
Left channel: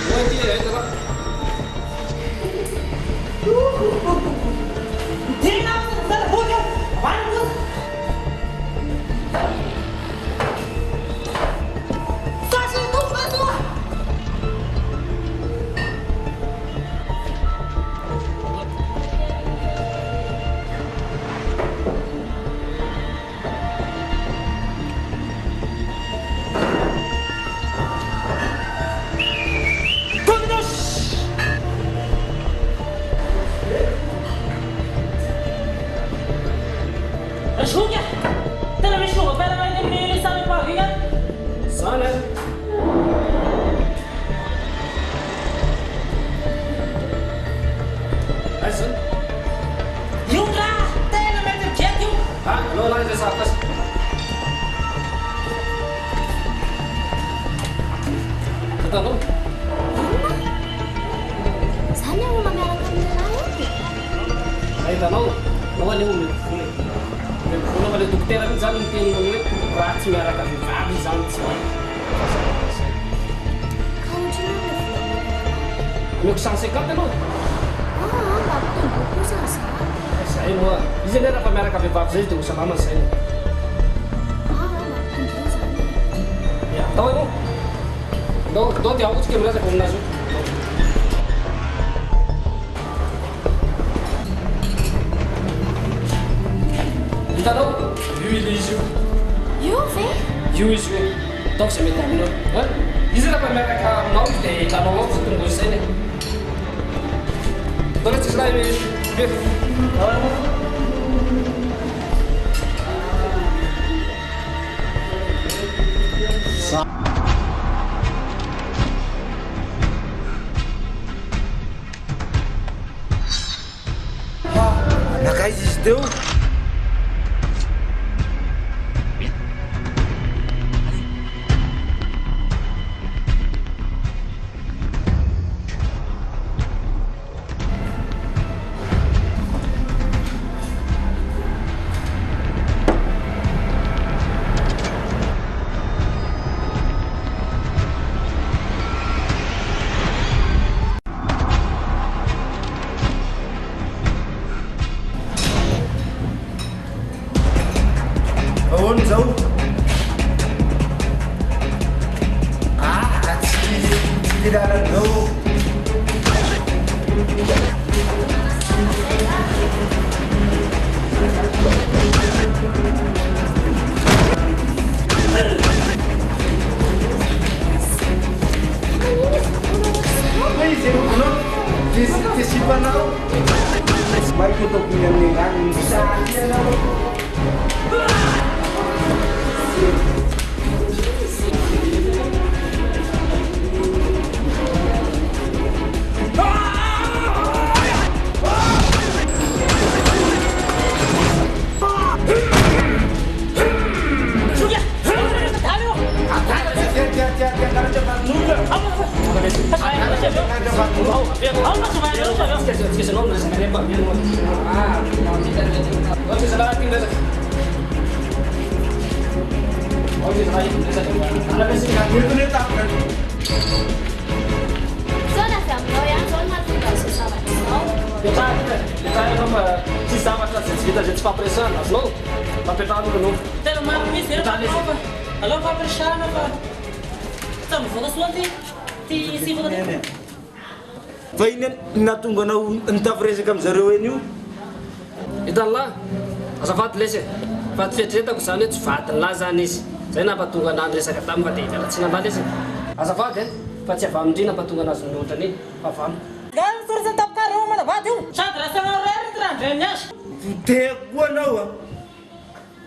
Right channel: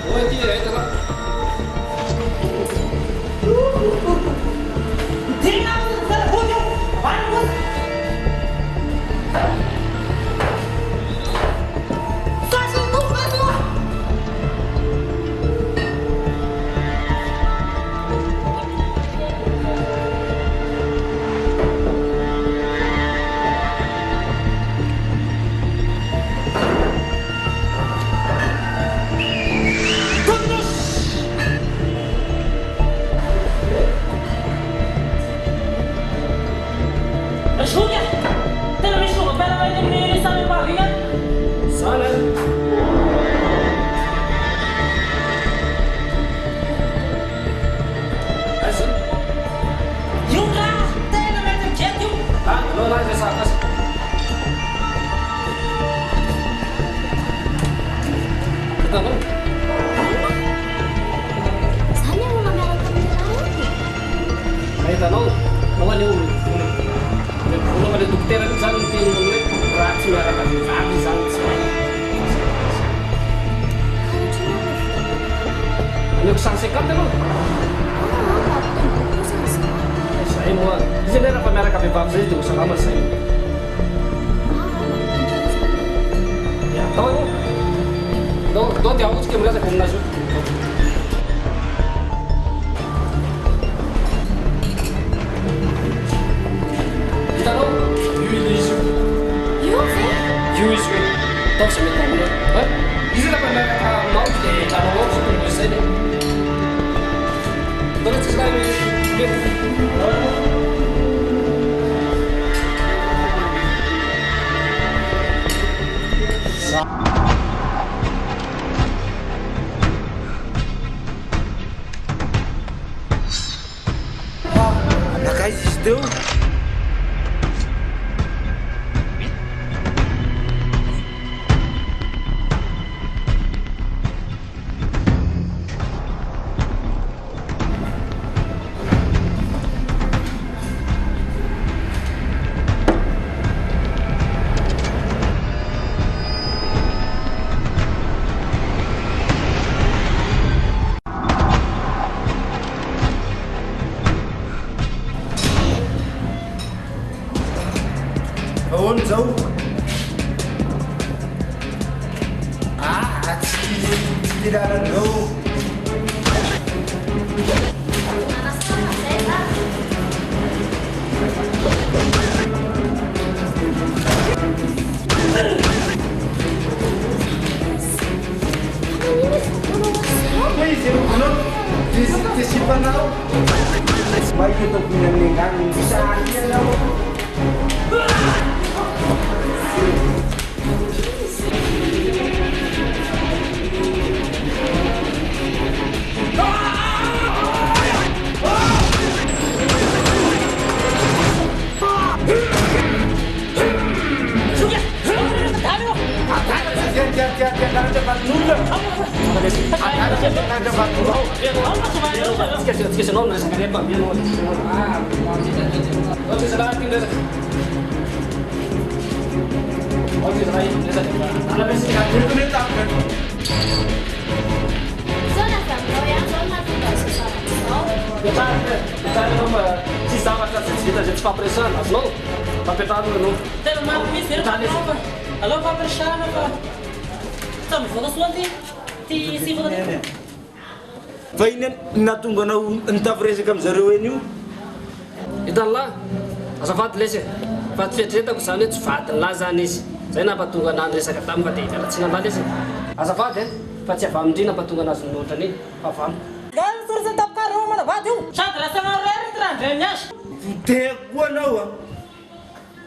oa ty raha Hitanao? Zany olona miaraka amin'ny lahy Ka hitanao, nao anio mety vola. Mety vola fa le dokotera mihitsy zany miteny hoe raha tsy miaraka vehivavy zany tsy mahay. ka ohatrany hoe volamena Ameko 150 anao? mampitombo kosa zany Zay moa. Izy anie raha fa miaraka vehivavy zay izy dia ho salama zay. mampitombo zany Ya, tao anao. Tao dia ahotsika miresaka aminazy io. Hitanao? Io ile izy io. io ve Io izy io. Tao se mety aminao. Izy raha fa miaraka aminao dia hitanao ao fa tonga izay le. Tao le tsisy raha be. Nakaiza izy teo? Ahoana zao? Tsy lalana Izy sipanao. Mai que eu tô comendo engano, não sabe não. Esqueci o nome dessa cadeia para mim. Onde você vai aqui nessa? Onde você vai nessa? Ana vez que eu tô nem tá. Zona familiar, zona da sociedade. Detalhe não, se sabe que as vidas a gente está pressando, mas não. Tá apertado não. Tem uma mistura da prova. Alô, vai pressar na prova. Estamos vou da sua ti si vou da. Fa iny natonga anao nitafiresaka amin'izareo eny io? Hitan'lahy, azafady lesy fa tsy fieritreretako zany hoe tsy vadin'lahy zany izy. Zay nampatonga anahy niresaka taminy fa dia hialatsina lahy lesy. Azafady fa tsy avy amindrina nampatonga anazy nohotrany fa avy aminy. Gano sorsa tapkarao mana vady io. Sady rasa rary trandre miasy. Teko koa anao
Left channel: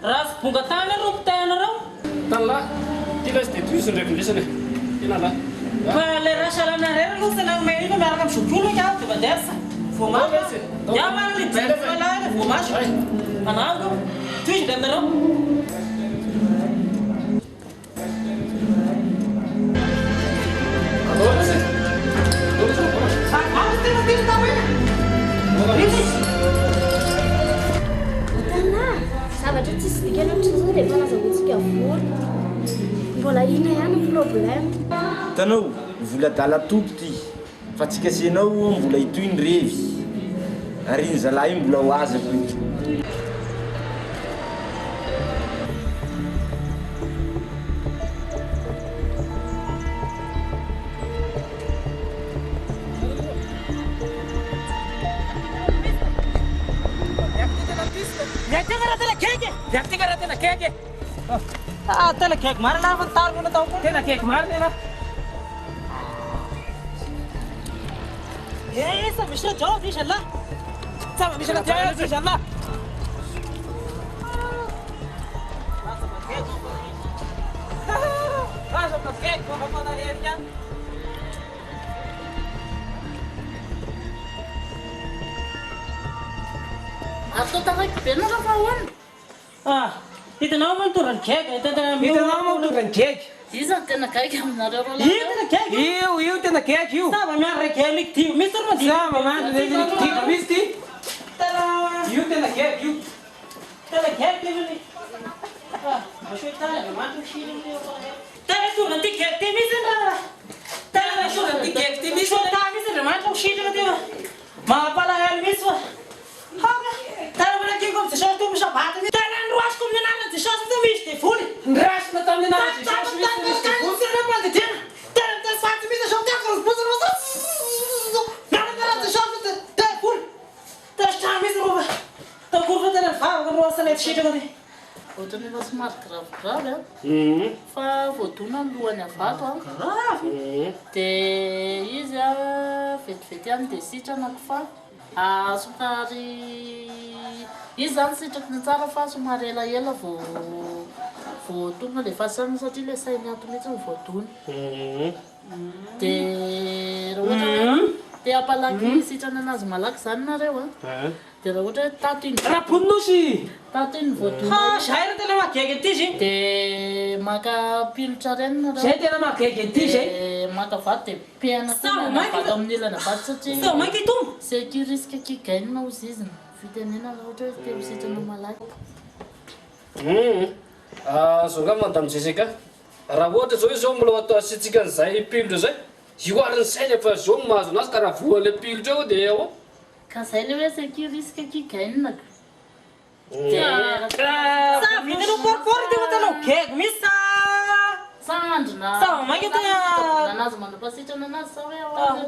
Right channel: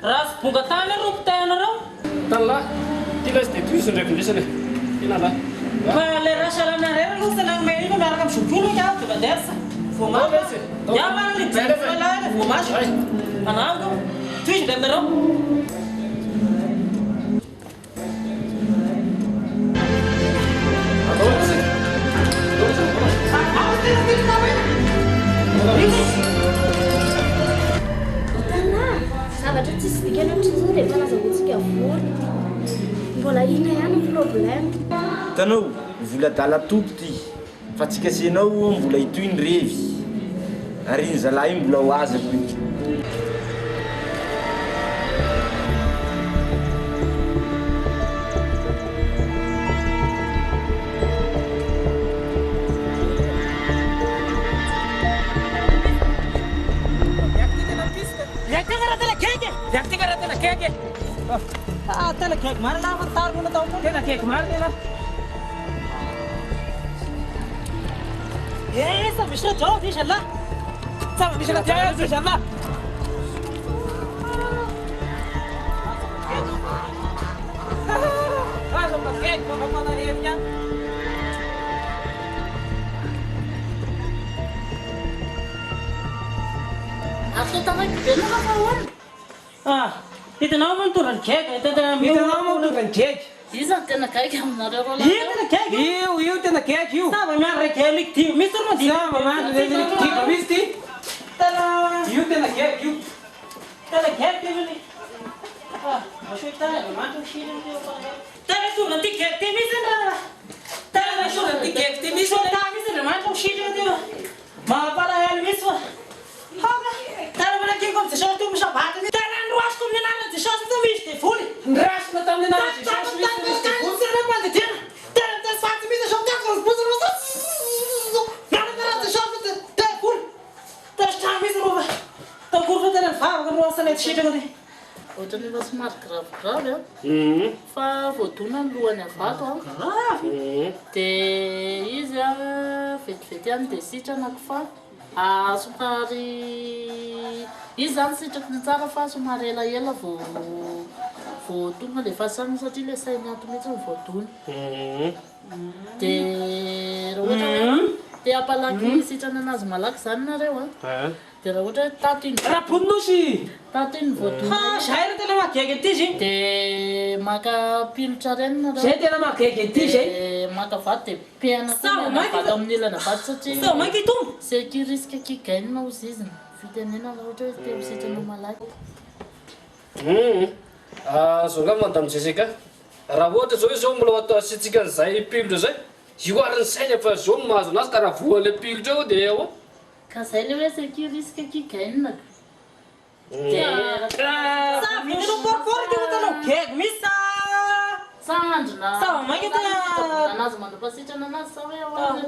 Ras bunga tany rompitayanareo. Hitan'lahy, ty lesy dia toy izy ndraiky indrisany. Tena lahy. Fa le rasa lanareo aloha sa nagme io miaraka amin'ny zotrolo ikaw, di ba dersa? Vomasy. Ja man libera malala, vomasy. Manango. Toy izy aminareo. Zavatra tsisy dikany ohatr'izao dia efa nazahoantsika vola. Mbola ina ihany ny problème. Hitanao, vola dala topo ty. Fa tsy kasenao mbola itoy ny revy. Ary iny zalahy iny mbola ho azako iny. Tela kek mana lah bentar guna tahu pun tela kek mana ni lah. Yes, bisa jauh di sana. Sama bisa jauh di sana. Ah, sama kek kau mana dia? Aku tak lagi benar kawan. Ah. Hitanao man turang kek, hitanao man turang kek. Iza tena kaiky aminareo roa Io tena kaiky. Io tena kaiky io. Sava miarra kelik tio. Misy toro mandi. Sava miarra kelik tio. Misy ty. Io tena kaiky io. Tena kaiky io. Mashoy tayo, manto shiri io. Tena sulla ti kaiky misy na. Tena sulla ti kaiky misy na. Misy na manto shiri io. Mapala hal misy wa. Haga. Tena wala ki kom tsho tu misha bata. Tena nruas kom na na tsho tu misy te fuli. Nruas na tam na tsho tu misy te fuli. Tena te sati misy shom ta kom puzo rosa. Nana te shom te fuli. Te shta misy roba. Ta kurva tena fava kom rosa na shiri io. Ohatrany efa somary gravigrave fa voadona ny lohany avato dia izy vetivety any dia sitranako fa somary izy zany sitrako ny tsara fa somary elaela voadona le fasany satria le sainy ato mihitsy ny voadona dia raha ohatra dia ampalaky sitrana anazy malaky zany nareo dia raha ohatra hoe tato iny raponosy tato iny voadona zay ra tena mahagaga ty izy dia maka pilotra renina zay tena mahagaga ty zay maka vato dia piana vato amin'ny ilana vato satria mainky tombo c'est qui risque kigainina ozy izy fitenena raha ohatra hoe te sitrana malaky zao nga madame Jessica raha ohatra zao izy zao mbola atao asitsika an'izay pilotra zay io ariny sainy fa zao no mahazo anazy ka raha voan'le pilotra eo dia eo ka zay le hoe c'est qui risque kigainina vidinao poriport ty hotanao gego misy sandrina mainky anazy manapasitrana anazy sa hoe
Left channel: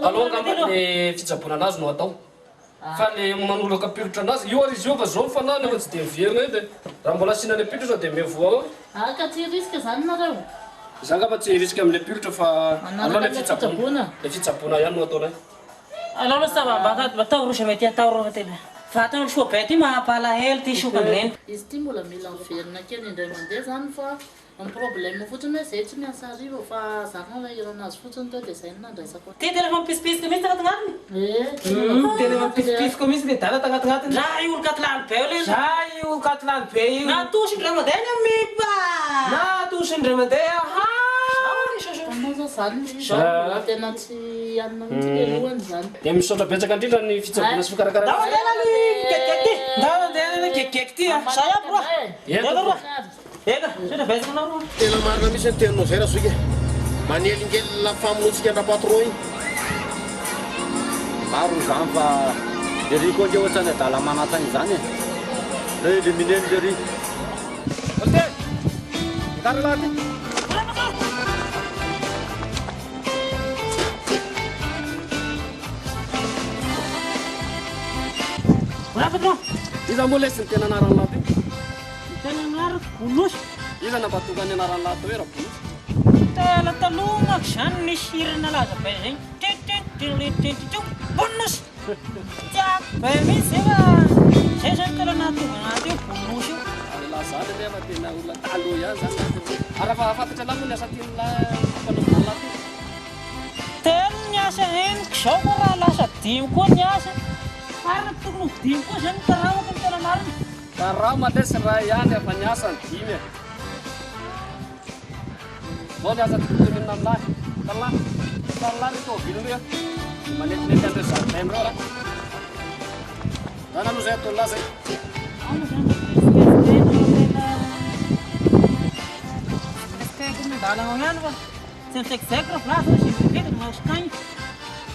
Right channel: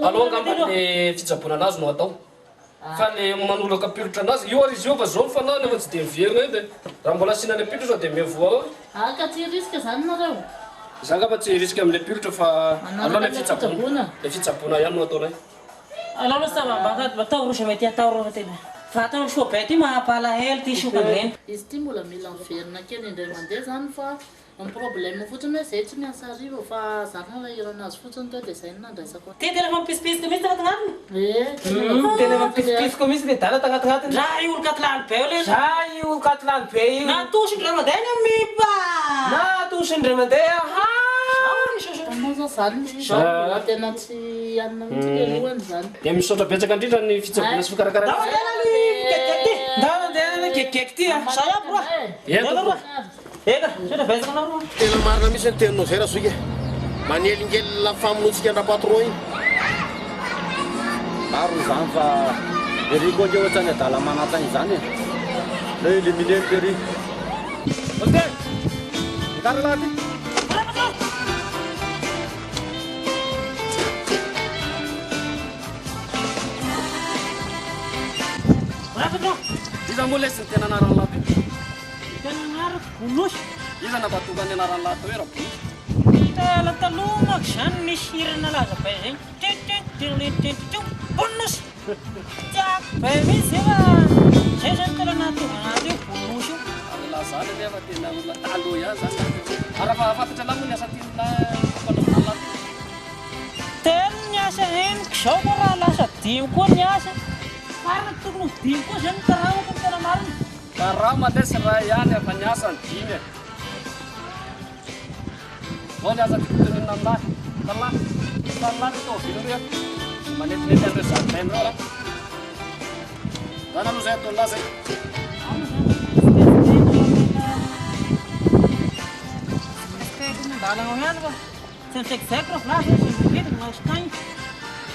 aloha ngamba le fitsaboana anazy no atao fa le manoloka pilotra anazy io ary izy io fa zao mifanany efa tsy dia miverina io dia raha mbola asiana pilotra dia miavoa ao ka tsy risque zany nareo za ngamba tsy risque amin'le pilotra fa aloha le fitsaboana ihany no ataonay aloha sava batao rosa mety atao roa tena vatana soa be ty mampalahelo ty sokany izy ty mbola mila miverina kely indray mandeha zany fa ny problème fotsiny hoe zay tsy miasa arivo fa zany lahiro anazy fotsiny teo dia zay no nandraisako ty tena mampisipisiky misy tagnatinatiny tena mampisipisiky misy le dala tagnatinatiny za io olo katilany be io le za io olo katilany be io natosy indray mandeha ny amipa natosy indray mandeha anao zao zany tena tsy anina mihitsy le lohany zany dia misaotra betsaka indrindra ny fitsaboana sy fikarakarana tena marina misy ny teninao zay raha soika manelingely la famonotsika andra-patro iny maro zany fa lery koa nge ohatrany adala manatany zany le elimineny lery olde mikara laty iza moa lesy ny tena anarany laty tena anarako bonosy iza napatokany anarany laty hoe raha bonosy tela taloha mako zany nisy hirana laza be zay bonosy tiako be misy efa zay zany tena nahatonga anazy io bonosy io lazany nefa tena olona taloha ihany zany araha fa fantatra lahy moa ny asa tian'la fanaovana ny laty tena ny asa heniko zao koa raha lasa dimy koa ny asa marina tokony dimy koa zany karamako ny tena marina karama lesy raha ihany efa ny asa ny dimy zao ny asa tiako tenenina amin'lahy talahy talahy reto avilon'ireo manetinety an'ireo jardin reo lahy zany aloha zay ataon'lahy zay ano zany tena tena mandalana ihany fa tsy misaikisaiky raha volazy sy mirividina maositagny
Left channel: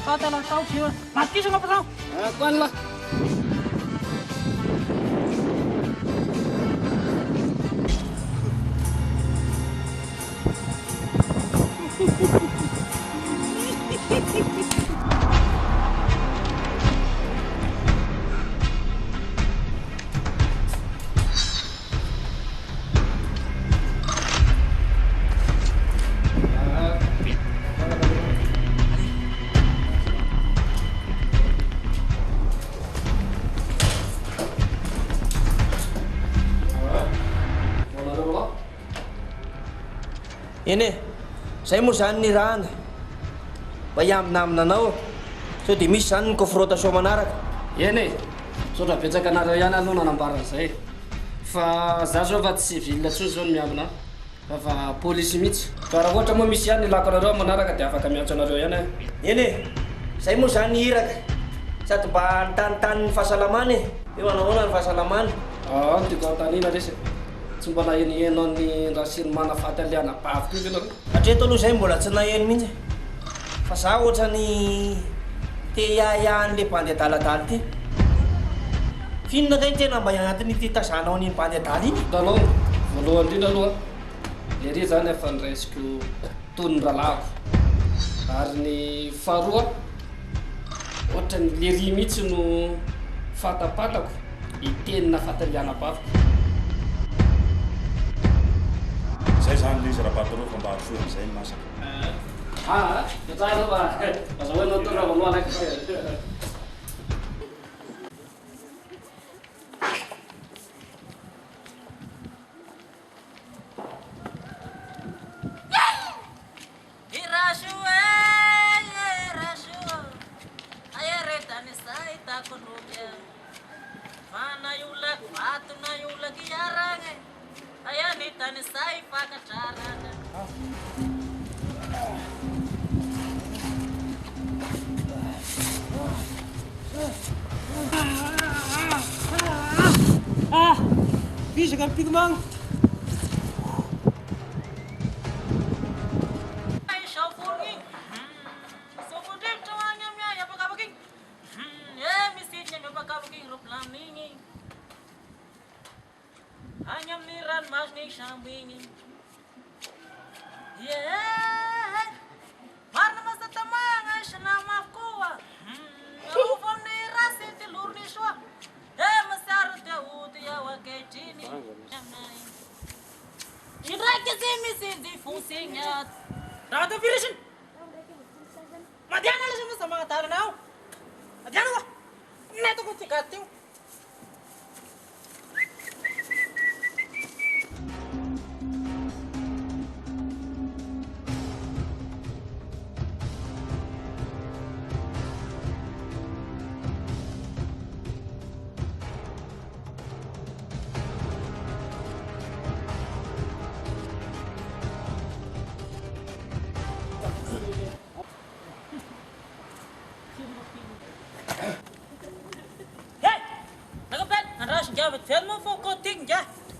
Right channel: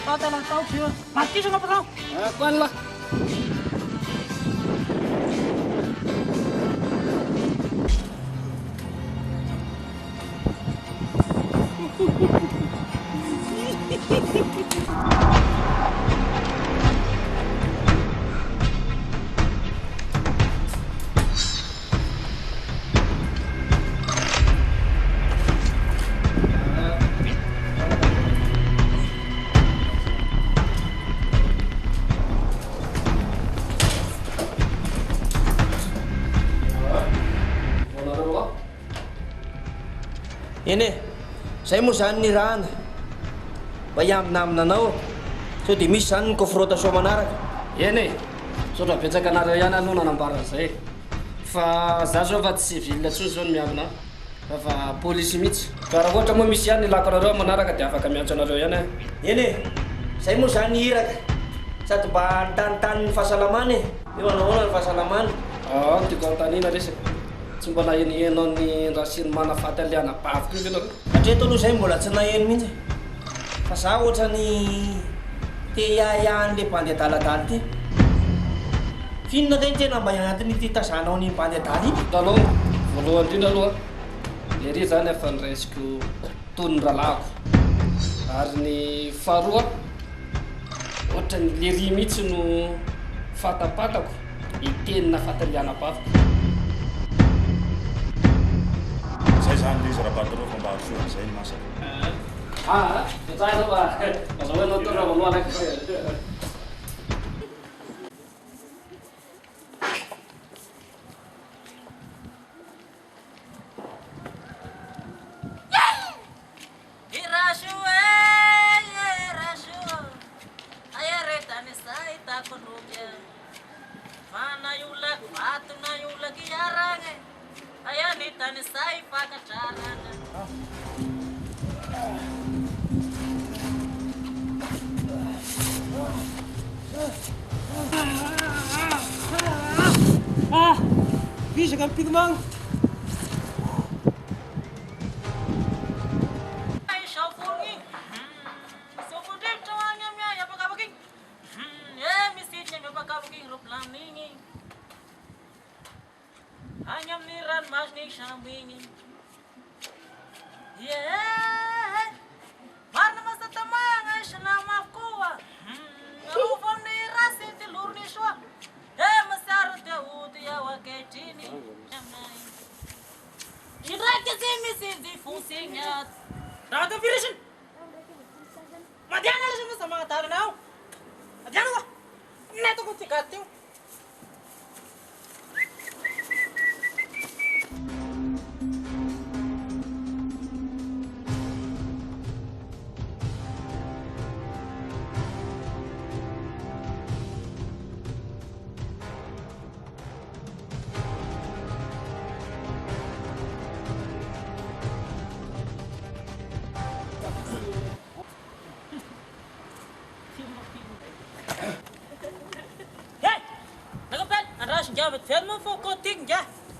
fa tela ataoko io matisana patron koany lahy eny e zay moa zany ny rahana mba hiambinamina anao sao dia misy zany ny confrontation manaraka eny e saotra betsaka anareo ihany aloha nanambarana zay fa za zao fa tsy vilona tsoy zao ny miamina fa polisy mihitsy fa raha ohatra moa misy ihany ilako anareo manaraka dia afaka miantso anareo ihany a eny e zay moa zany hiraka sady mba nitanitany ny fahasalamana e eo anahoana ny fahasalamana tiako antanina resy tsy mbola enienao ny raha sy ny manafaty aliana baviko io ianareo hatreto aloha zay mbola tsy naheno mihitsy fa za ohatra ny te iahiahan'le mpandeha daladala ty finona zay tena mba ianatiny ty tazanao ny mpandeha dala iny hitanao voalohany indrindra aloha le ry zany efa nyraisiko tony ny ralahako ary ny faharoa ohatra ny le ry mihitsy no fatapatako itenina fataliana baviko zay zany le izy raha patro fa mba hasoa am'izay ny masaka tsara fa azahoanao tona voaloha anaiky Visaka ny pigmagno Any amin'ny ranomasina sambo igny marina masatamagna isalama avokoa arova amin'ny rasy ty lorony soa masiaro dia ody ao ankehitriny indraiky zy misy jifonsigny ato raha ty virisiny madiana lasa masa magnatarana ao madiana koa netako ty gaty teo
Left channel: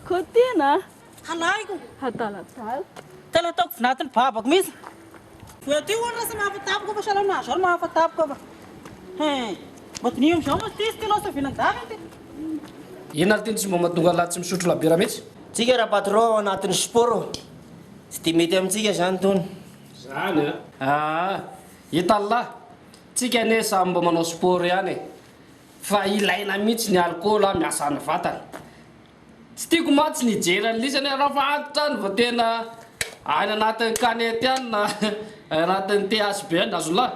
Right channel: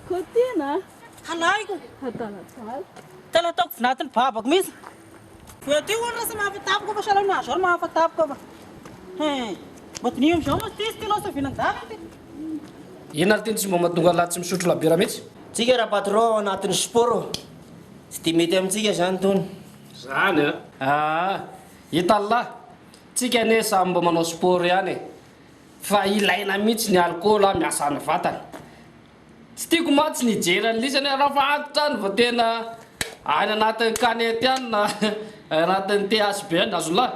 Kotina? Halaiko. Hatalatala. Tala ataoko vinatiny babako mihitsy. Ty oana rasa mahafatapiko fa sahala aminazy zao mahafatapiko fa. Matinio amizao mas ty izy ty losa finan-dava ty. Ina ty tsy mba mahatonga lahy tsy misotro labira mihitsy? Tsika raha patron anatin'ny sport tsy dia mety amintsika zany tony. Zany hita lahy tsika ane samy mba manao sport ihany fa ilaina mihitsy ny alcool miasa ny vatana tsy tiako matsy ny jeran'lisany raha fa antitra any va tena any anatin'ny kanety any na anatin'ny THB any azo lahy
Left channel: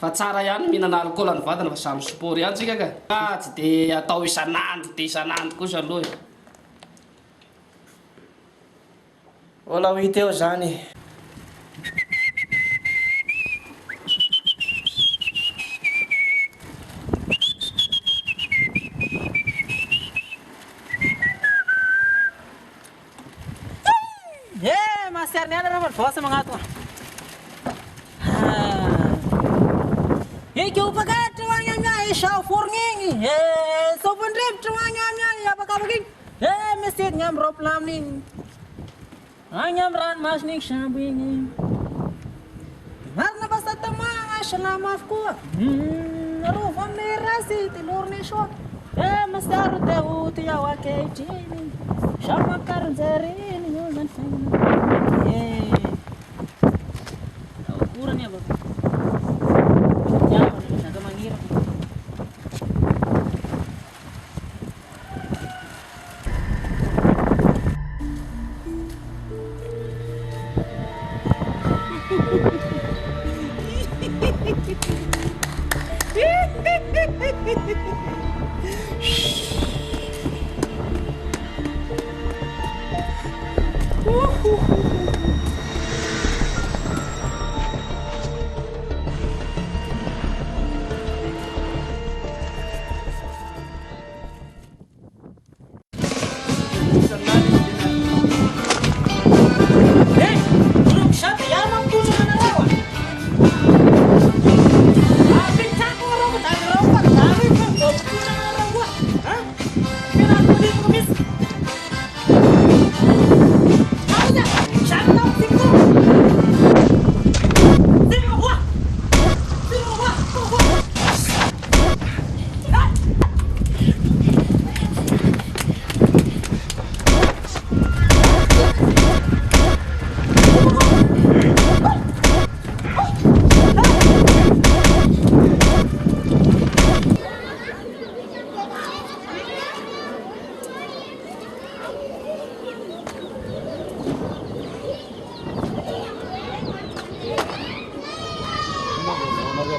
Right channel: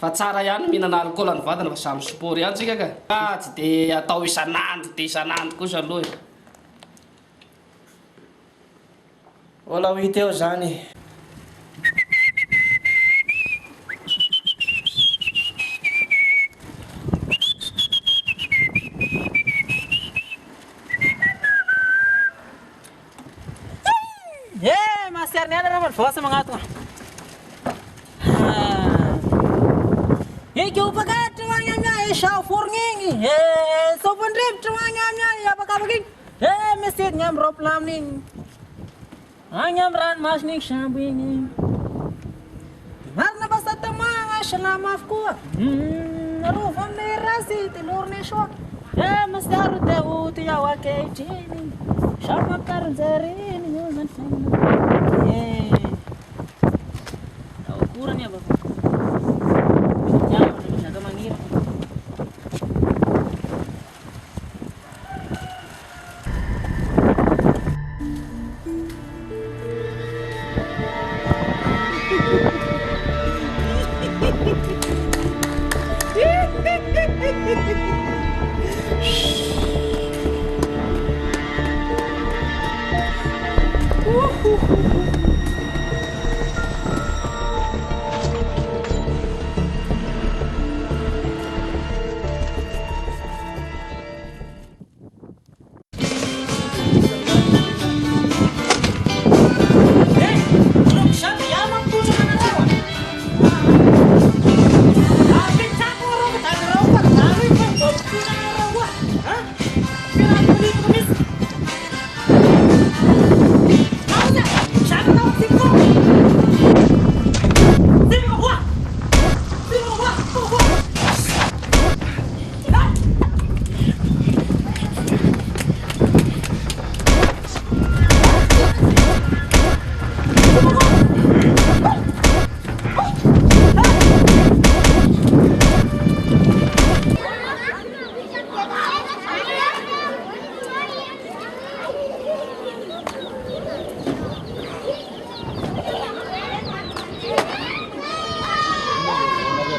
fa tsara ihany mihinana alcool ny vatana fa samy sport ihany tsika ka tsy dia atao isan'andro dia isan'andro kosa aloha Ola ho hita eo zany Masiar ni ada rapat bos mengatur. Iki upakat tuanya nya isau furngi. Sopan rib tuanya nya ya pakar begini. Mesin nyam roplam ning. Anyam ran mas ning sambing. Marna basta tamang selama afku. Rufam ni rasi telur ni so. Masiar tehu tu ya wakai cini. Sama karjari ni jangan fengna. Tahu kurang ya bapak. Jangan jaga manggir.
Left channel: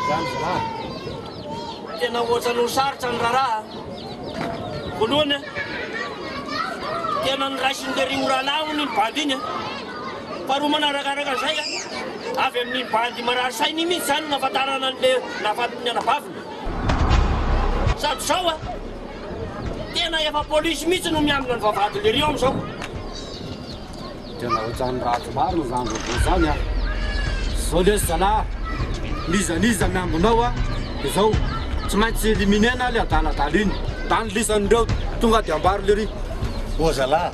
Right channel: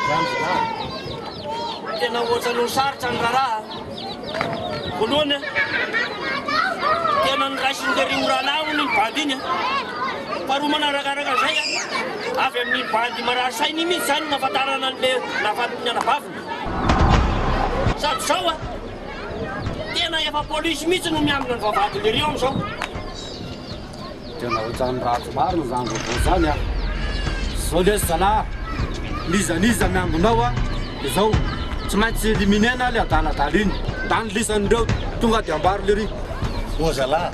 zany zalahy. Tena ohatrany sarotra ny raharaha. Voalohany tena niraisin'lery oralaho ny bandy iny. Faharoa manarakaraka zay avy amin'ny bandy marary sainy mihitsy zany nafatarana an'le nafatiny anabaviny. Sady zao tena efa polisy mihitsy no miambina ny vavahady le rio am'izao. Tena ohatrany ratsy marina zany vaovao zany a. Zao lesy zalahy, nizaniza miambinao dia zao tsy maintsy eliminena le adaladala iny. Tany lisan'ireo tonga dia ambary le ry. O zalahy,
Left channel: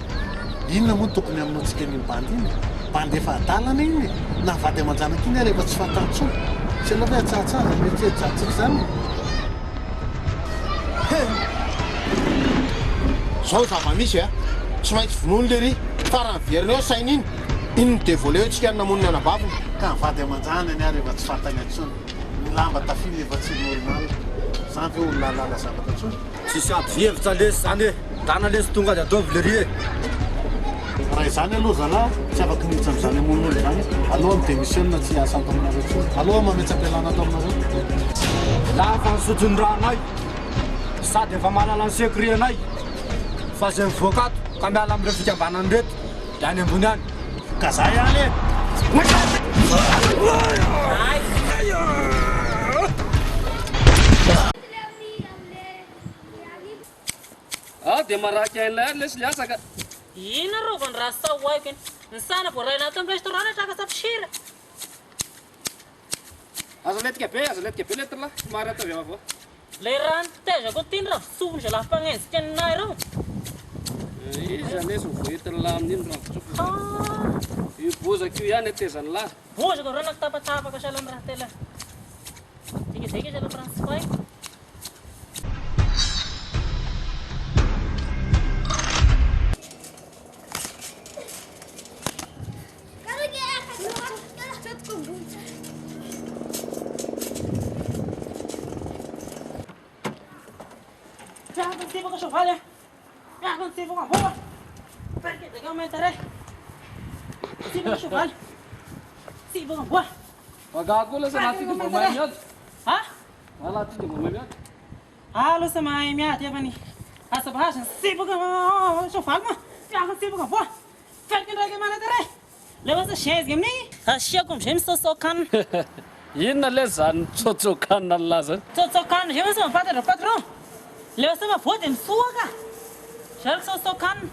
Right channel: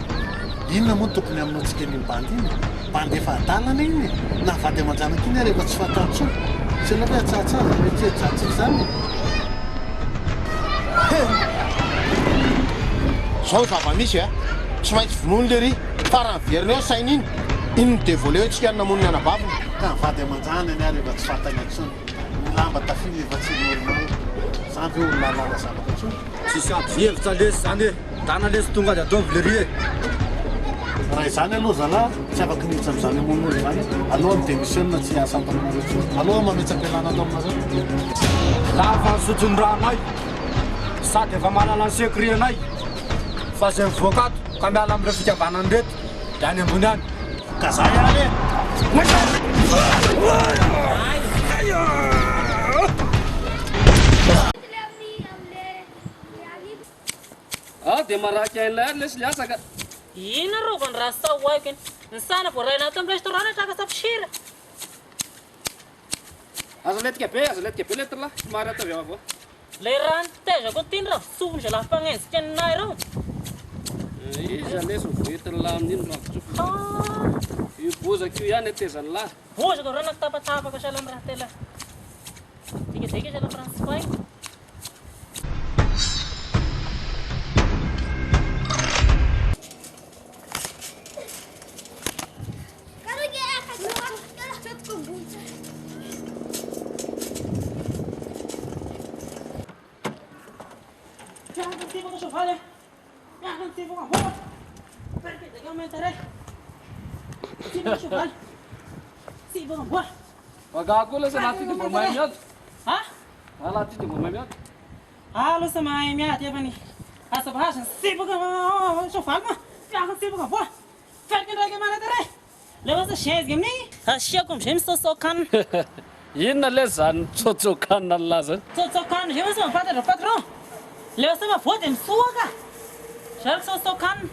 inona moa tokony aminao tsika ny bandy iny? Bandy efa adalana iny na vady aman-janaka iny rehefa tsy fantatsoa. Tsy la hoe atsatsaza ny tiajatsika zany. Zao zava-misy tsy maintsy vonoiny le ry farany verina eo sainy iny. Iny ny devoleo tsika namoniny anabaviny. Ka vady aman-jana any rehefa tsy fantany atsony. Ny lamba tafily efa tsy normal. Zany ve olona lala zavatra atsony. Tsisy ady hevitra lesy zany e. Tana lesy tonga dia ataovy le ry e. Raha izany aloha zalahy, tsy afaka niditra amin'izany amon'olo zany. Aloha midémissionna tsy asa antaminareo tsony. Aloha mametsam-pialana atao aminareo. Lafa nisotro ny ranay sady efa mahalala ny secret anay fa zay mivoakato ka miala amin'ireo fikambanany reto dia any ambony any. Ka zay any e. Dia maraky ain'ilay ary lesy liasaka. Ina rova ny raha sao aiko iny. Ny sana voaraina ato amin'ny restaurant traka sapsira. Azo letika be letra lahy. Somary atao avy avao. Le raha nitezako tiny raha visovony zay laha mpanenjika anay reo. Iza lesy mivoentiny lahy amin'iny raha vitsofa. Io bozaka io ihany atezany lahy. Bozaka raha nakitapatapaka sahala amin'ny raha tela. Dika sahala Francois. Tipo che so fare? Ya con tipo con boa. Perché te commenterei? Tipo che so fare? Tipo con boa. Pagkakula sa natin yung mamay niya. Ha? Wala natin yung mamay niya. Halo sa mamay niya, tiba ni. Asa bahasa tipo con so fare mo. Ya con tipo con boa. Perché te commenterei? Lewa sa shares game ni. Ha shia kom shem so kan. Inona le zany tsotsokanina laza. Tsotsokanina zay sa mafantatra patron. Lewa sa mavoa dia misoaka. Zariko sosokanina.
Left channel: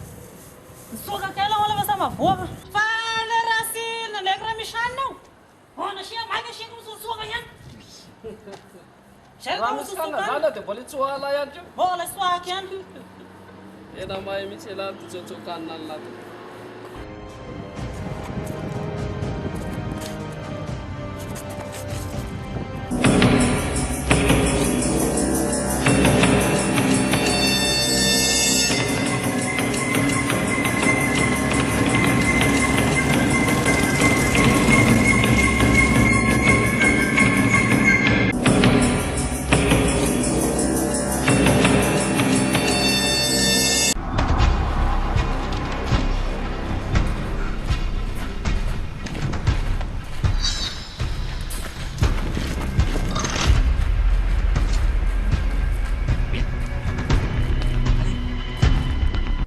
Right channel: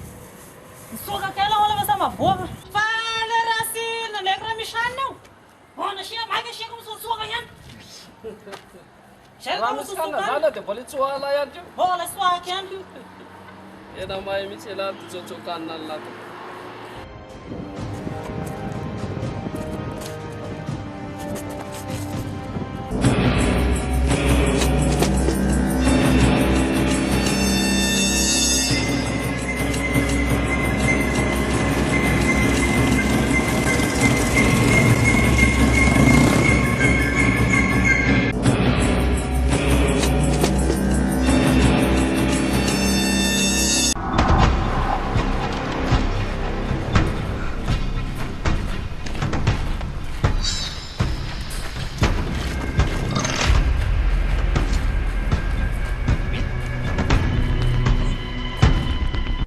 Misoaka kely aho lewa sa mavoaka. Fa le raha sy nalaiko raha misy hanina ao. Nasia maika asiako misosoaka ihany. Zariko misosokanina. Zana dia mbola tsoala ihany koa. Mbola tsoaka ihany koa. Tena mahay mihitsy lahy tsotsokanina lahy.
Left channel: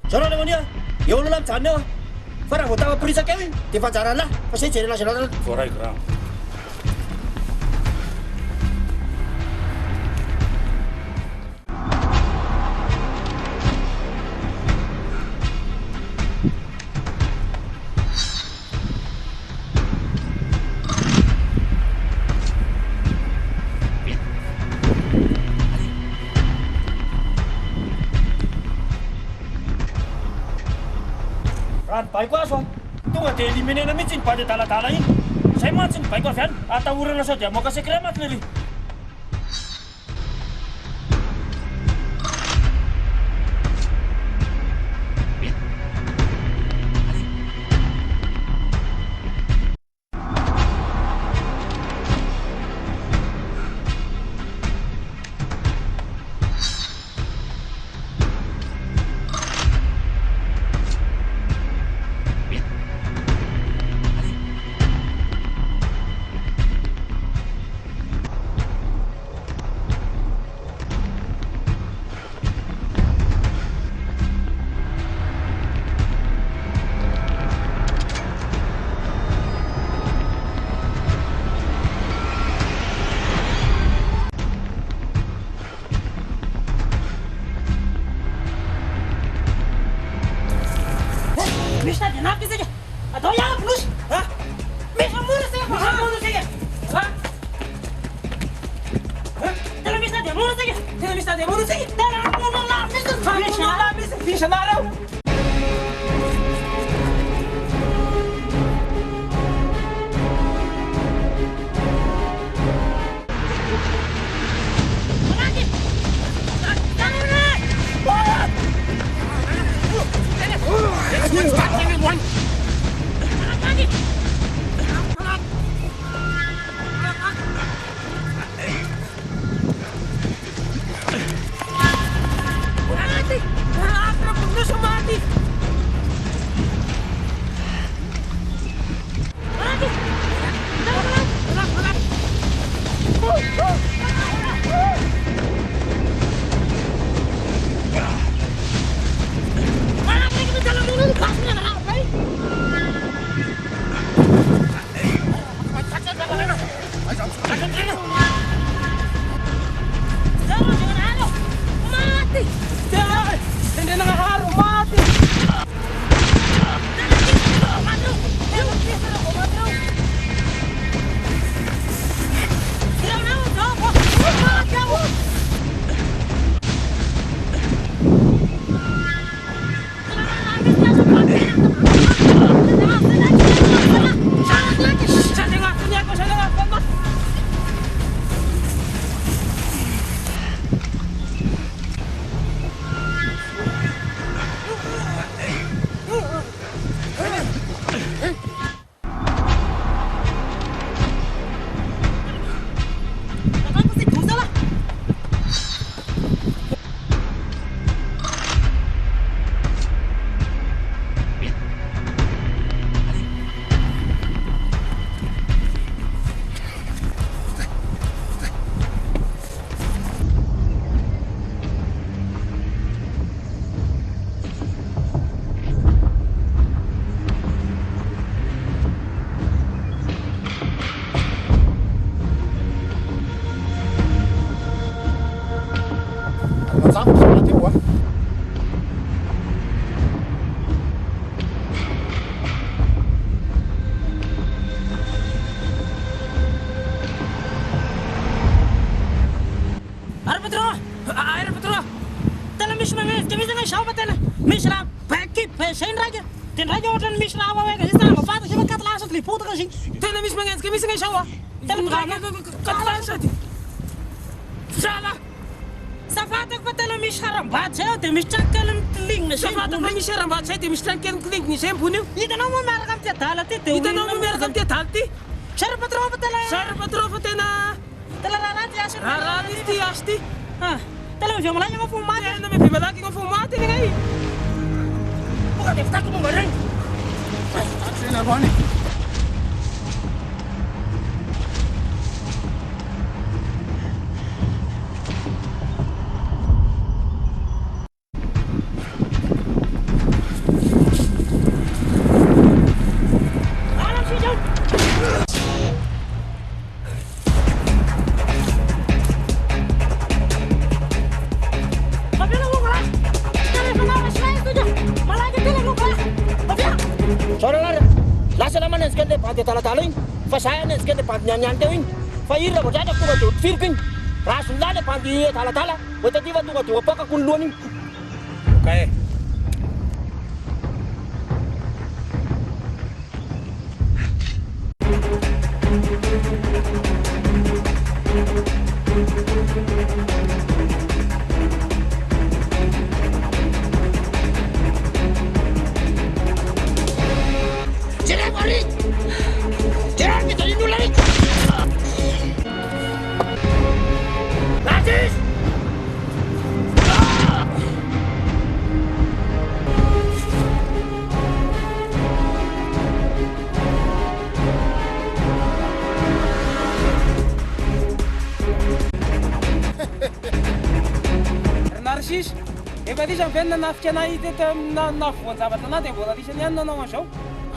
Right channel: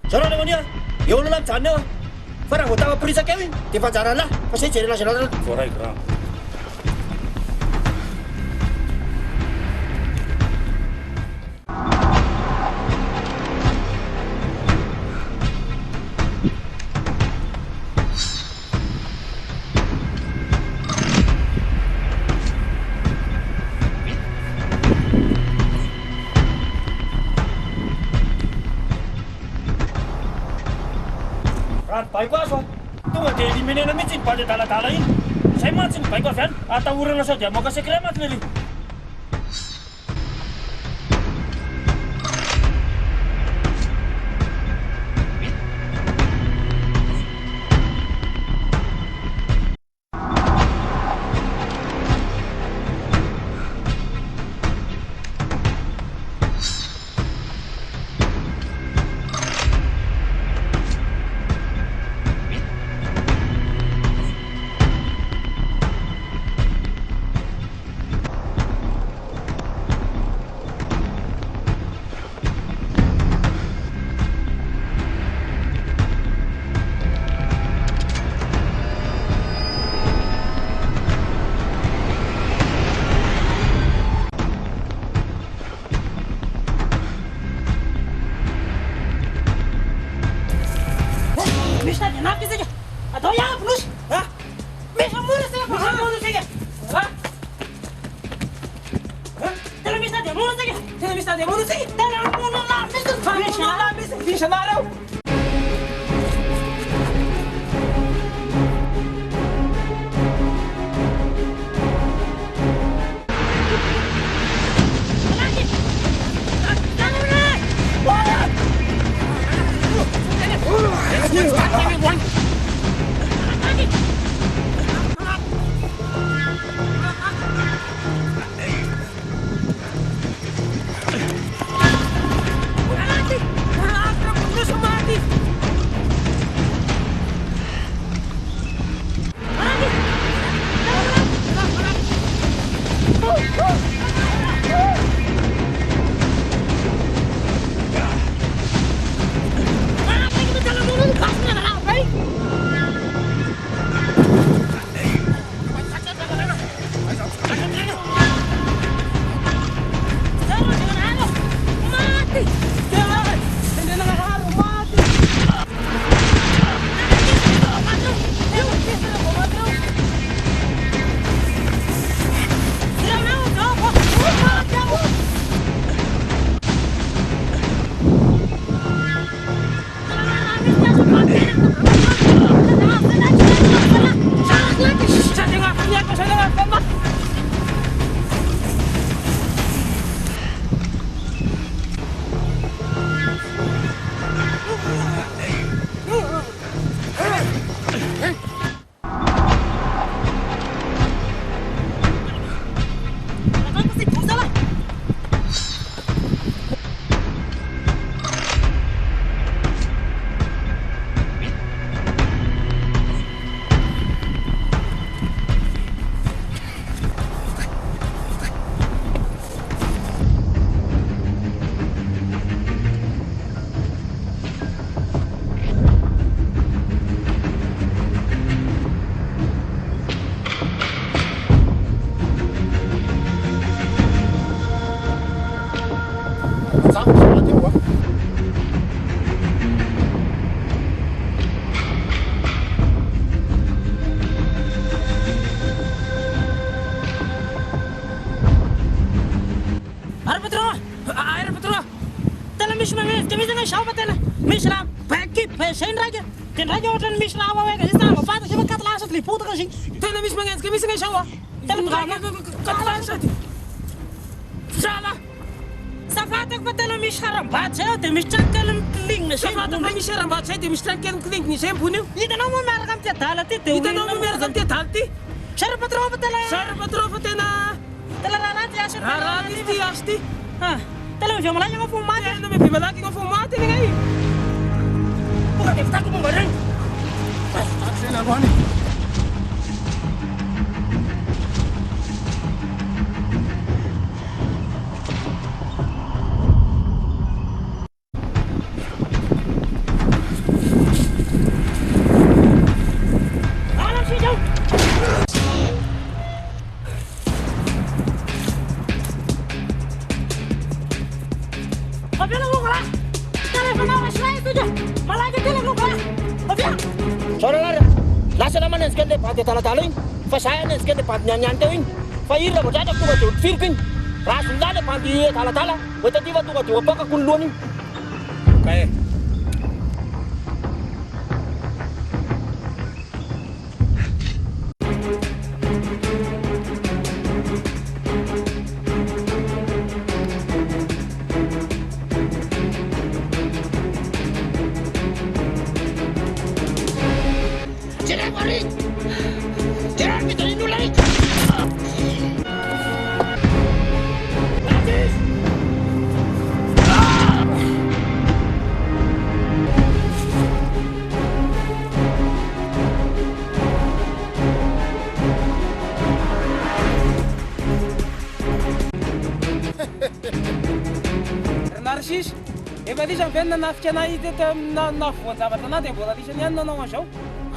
Zara naman niya, eo na lang dyan niya. Parang hutang prisa kami, di pa dyan na. Kasi dyan na sila. Foray gram. Raha ny baiko azo tonga dia eliminena mihitsy ny bandy daladala iny. Zay mantsy ny baiko avy any, atahorana sao dia moka secret mantsy le ry. dia mundo sih. Bisa narau. Tena misy magnenjika misy ngay sao Zala Safatako fa tena misy harambaty zay dia misy tranokely mikilingina zay. Safatako fa misy harambaty zay dia misy tranokely mikilingina zay ambony io. Hitanao moa miaraka amin'ny adala ty dia hitanao moa miaraka amin'ny adala ty. Sara patron fa tena Sara patron fa tena tena rahaty asa rahaty izy ty asa ty. Tena mivy malaky agna fo maty. Tena mivy malaky agna fo maty iny ngay. Boka dia fitako momba regny. Tena loany. Lasa naman nanzika ilay bandy adaladala igny fa zahay nanzika ilay bandy nianiany teo igny fa iry raha vao dratra tonga dia firiko igny raha azon'lahy ilay bandy adaladala ho taty fa tonga dia apakako ny lohany igny. Okay. Narcisse, efa lisy amin'ny venina nafika anay teto amina voan-javatra anay dia mbola lisany ihany nanao an'izao.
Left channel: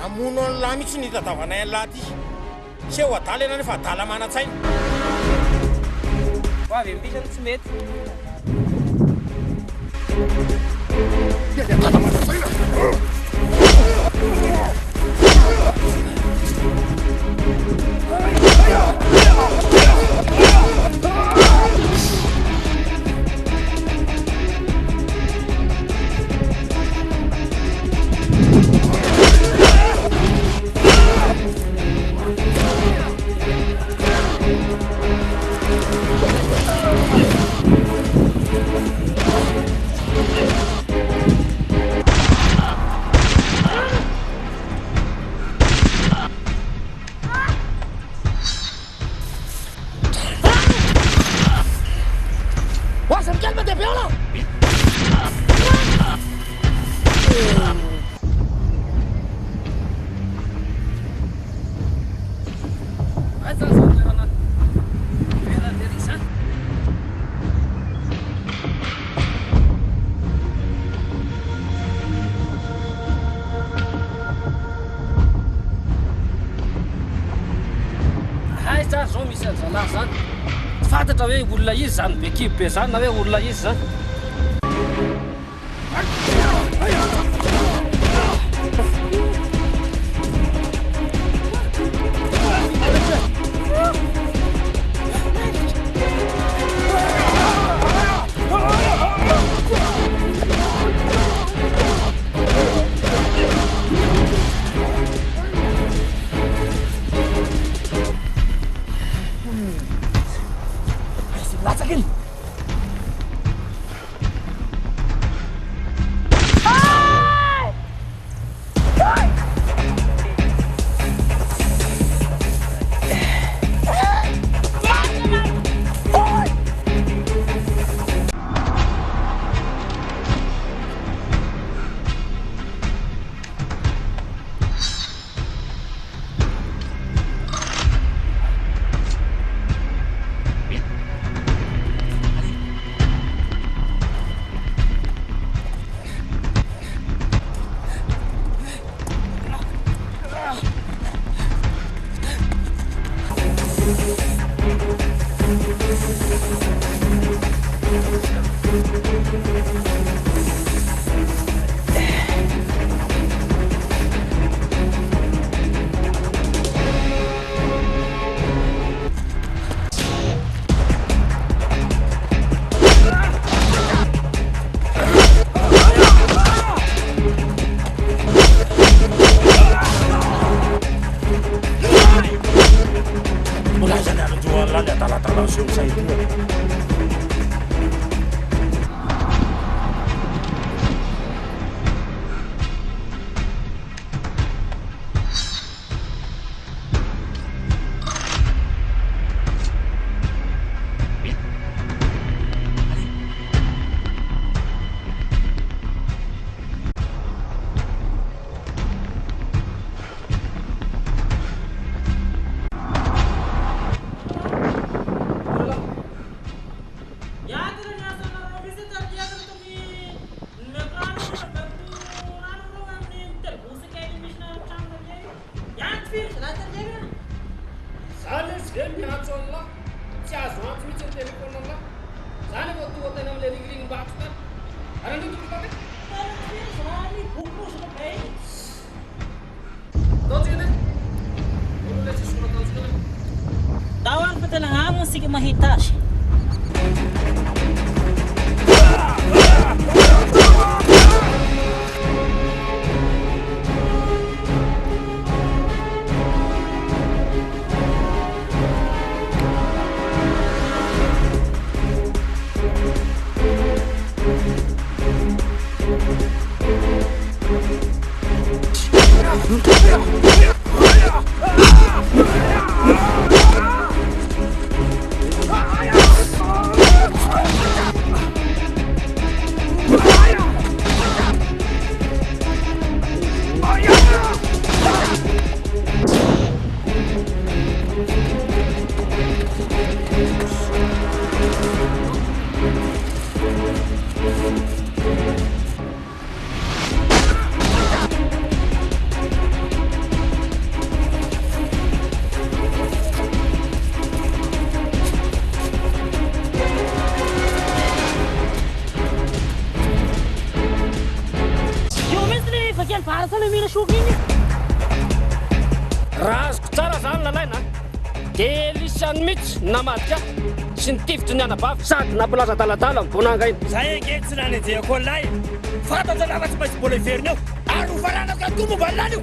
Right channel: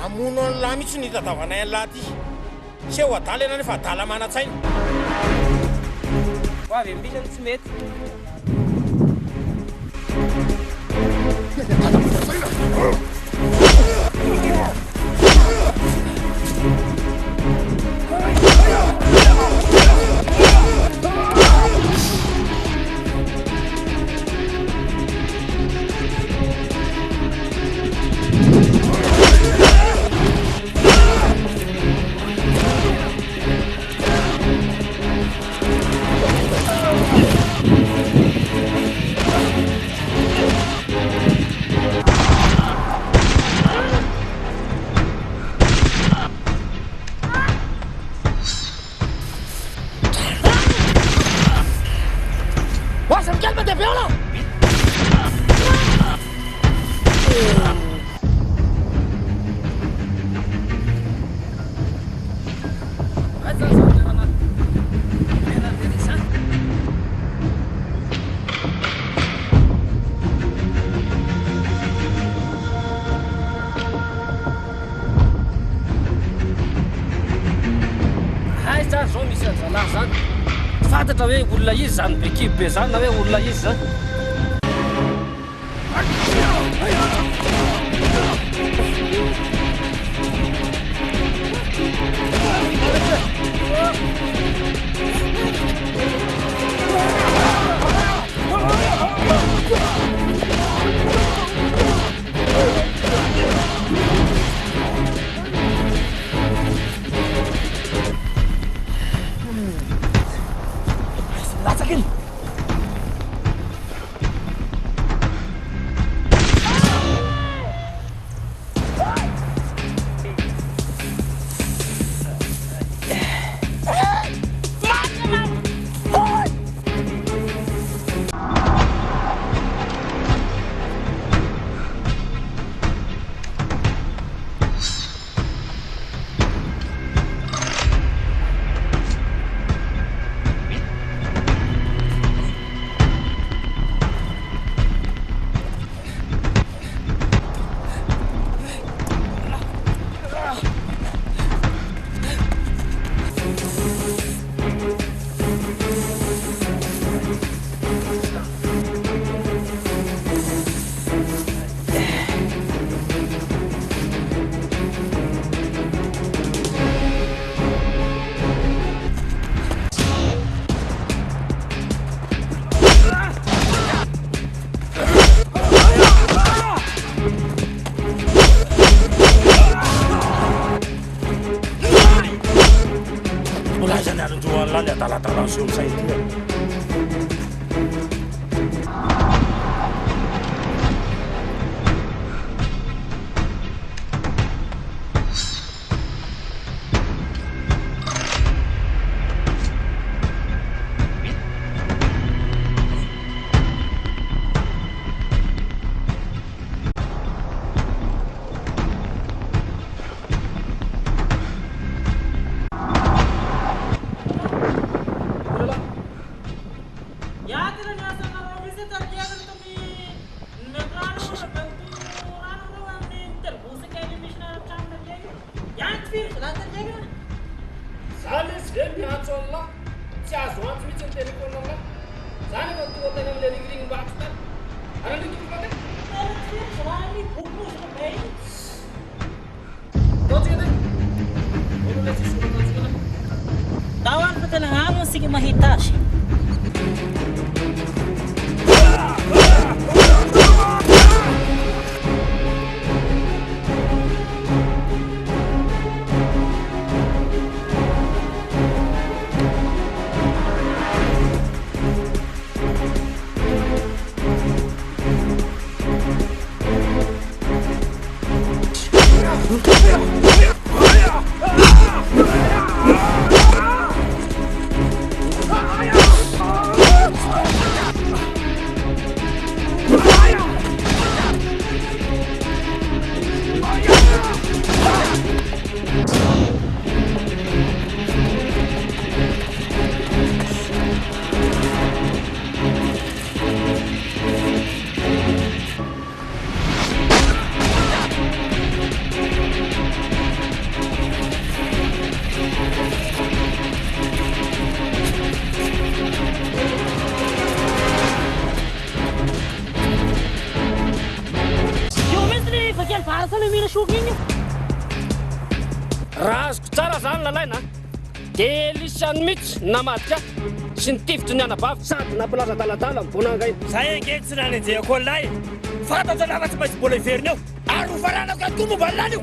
Amono an'lahy mihitsy ny tadavanay an'lahy ty. Seho adala ianao nefa adala mana-tsaina. Ho avy amin'ny lisany tsy mety. Lasciami calma te viola! Hay zany zao misy an'zalahy zany tsy fantatra hoe olona izy zany be kibo be zany na hoe olona izy zany Latsakin! Mulai zany androany lany adaladala seo saidia. Zany izy ve miantso an'lahy tsy azo antso mihitsy ny telefôna an'lahy zany efa tonga teny amin'le ringiringim-bato tany ary andritokofa ve taotsika ne olo le tsisy olo ataotsika le Tao any fa tena agny sika mahita azy. Raha azoko tsara zany lalaina dia lisany mihitsy namadika sy nitifitry ny anabavy sady nampalaza daladala mibonanga iny Zay ange tsy nanenjehako an'ilay fantatra lafa tsy maintsy mbola iveriny eo ary hofaranako atoko momba an'ilany io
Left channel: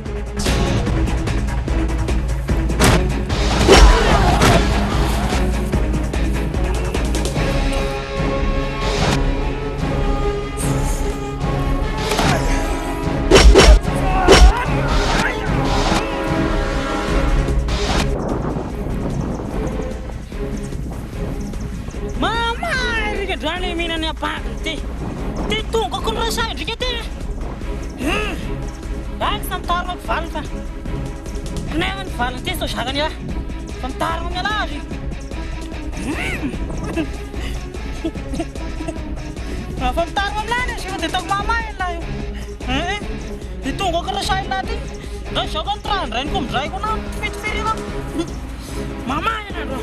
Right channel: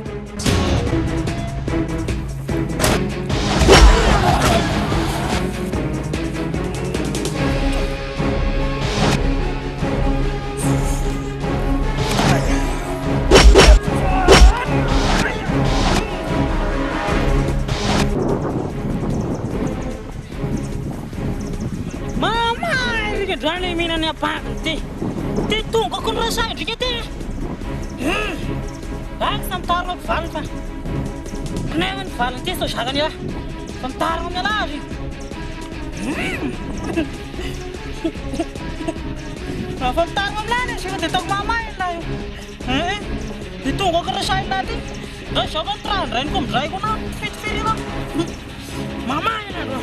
ndrika androany mihinany apakiny ty tongako ny rasay ndrika ty any sa mitarima ny valiny fa nefa ny valiny ty so zakany a fa mitarima miala azy fa mitarima amilany izy fa dia taoko mamay lahy io dia tongako rasay lahy ty da izako ny trandrainy ko midrayko na fitiferina mamay andro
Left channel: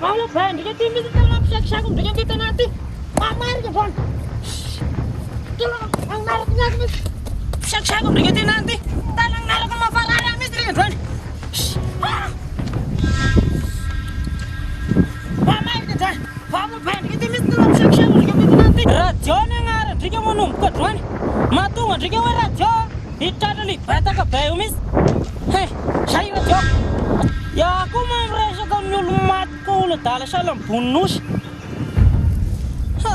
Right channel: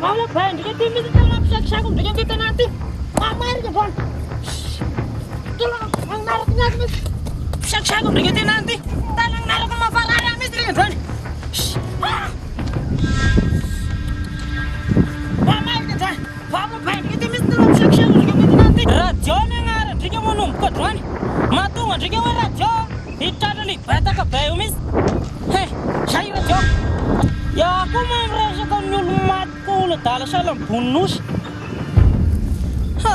Vamos lá, ndrika ty misy tena mampisakisako ndrika ty tena ty mamarika drony tena magnaraka niaky misy pisakisako ndrika ty nany ty tena magnaraka mafarary any misy rika drony mamarika drony vamos lá, ndrika ty misy tena mampisakisako ndrika ty tena ty radio ny agnara ndrika manomboka drony mahatonga ndrika hoe radio hitratra libetaka be io misy zay radio ya koa mampiresaka amin'ny olo maty koa olo adala sahala amin'ny bononosy La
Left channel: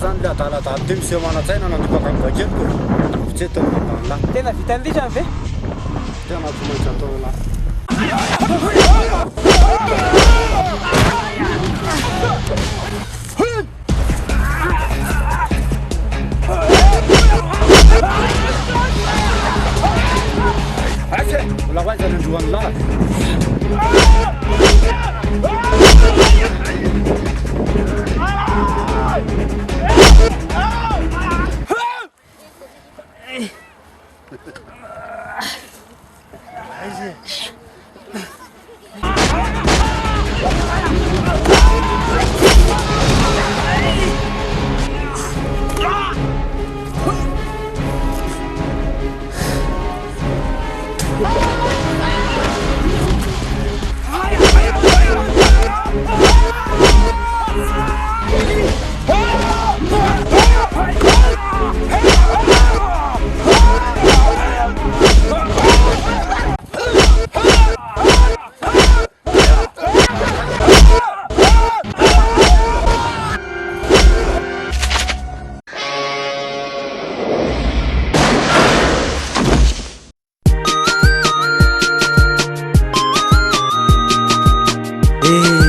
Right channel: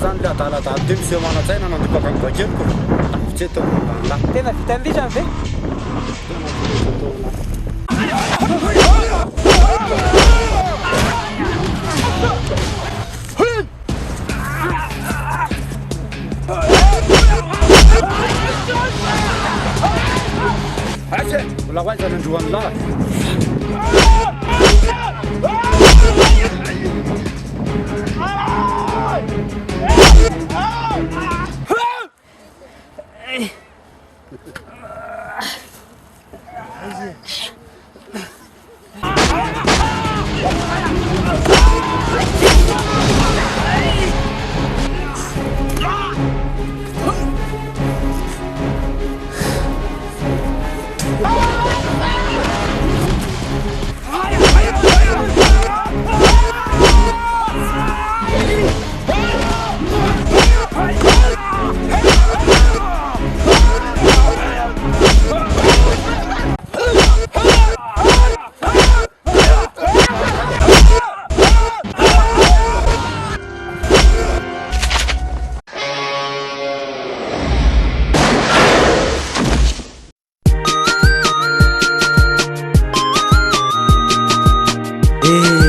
zany le adaladala ty miseho mana-tsaina nandipaka ny bakeliko tafitsy mombala tena vitan'indritra ve tena tsy maintsy atao la mbola ho aizany androany lahatra Eh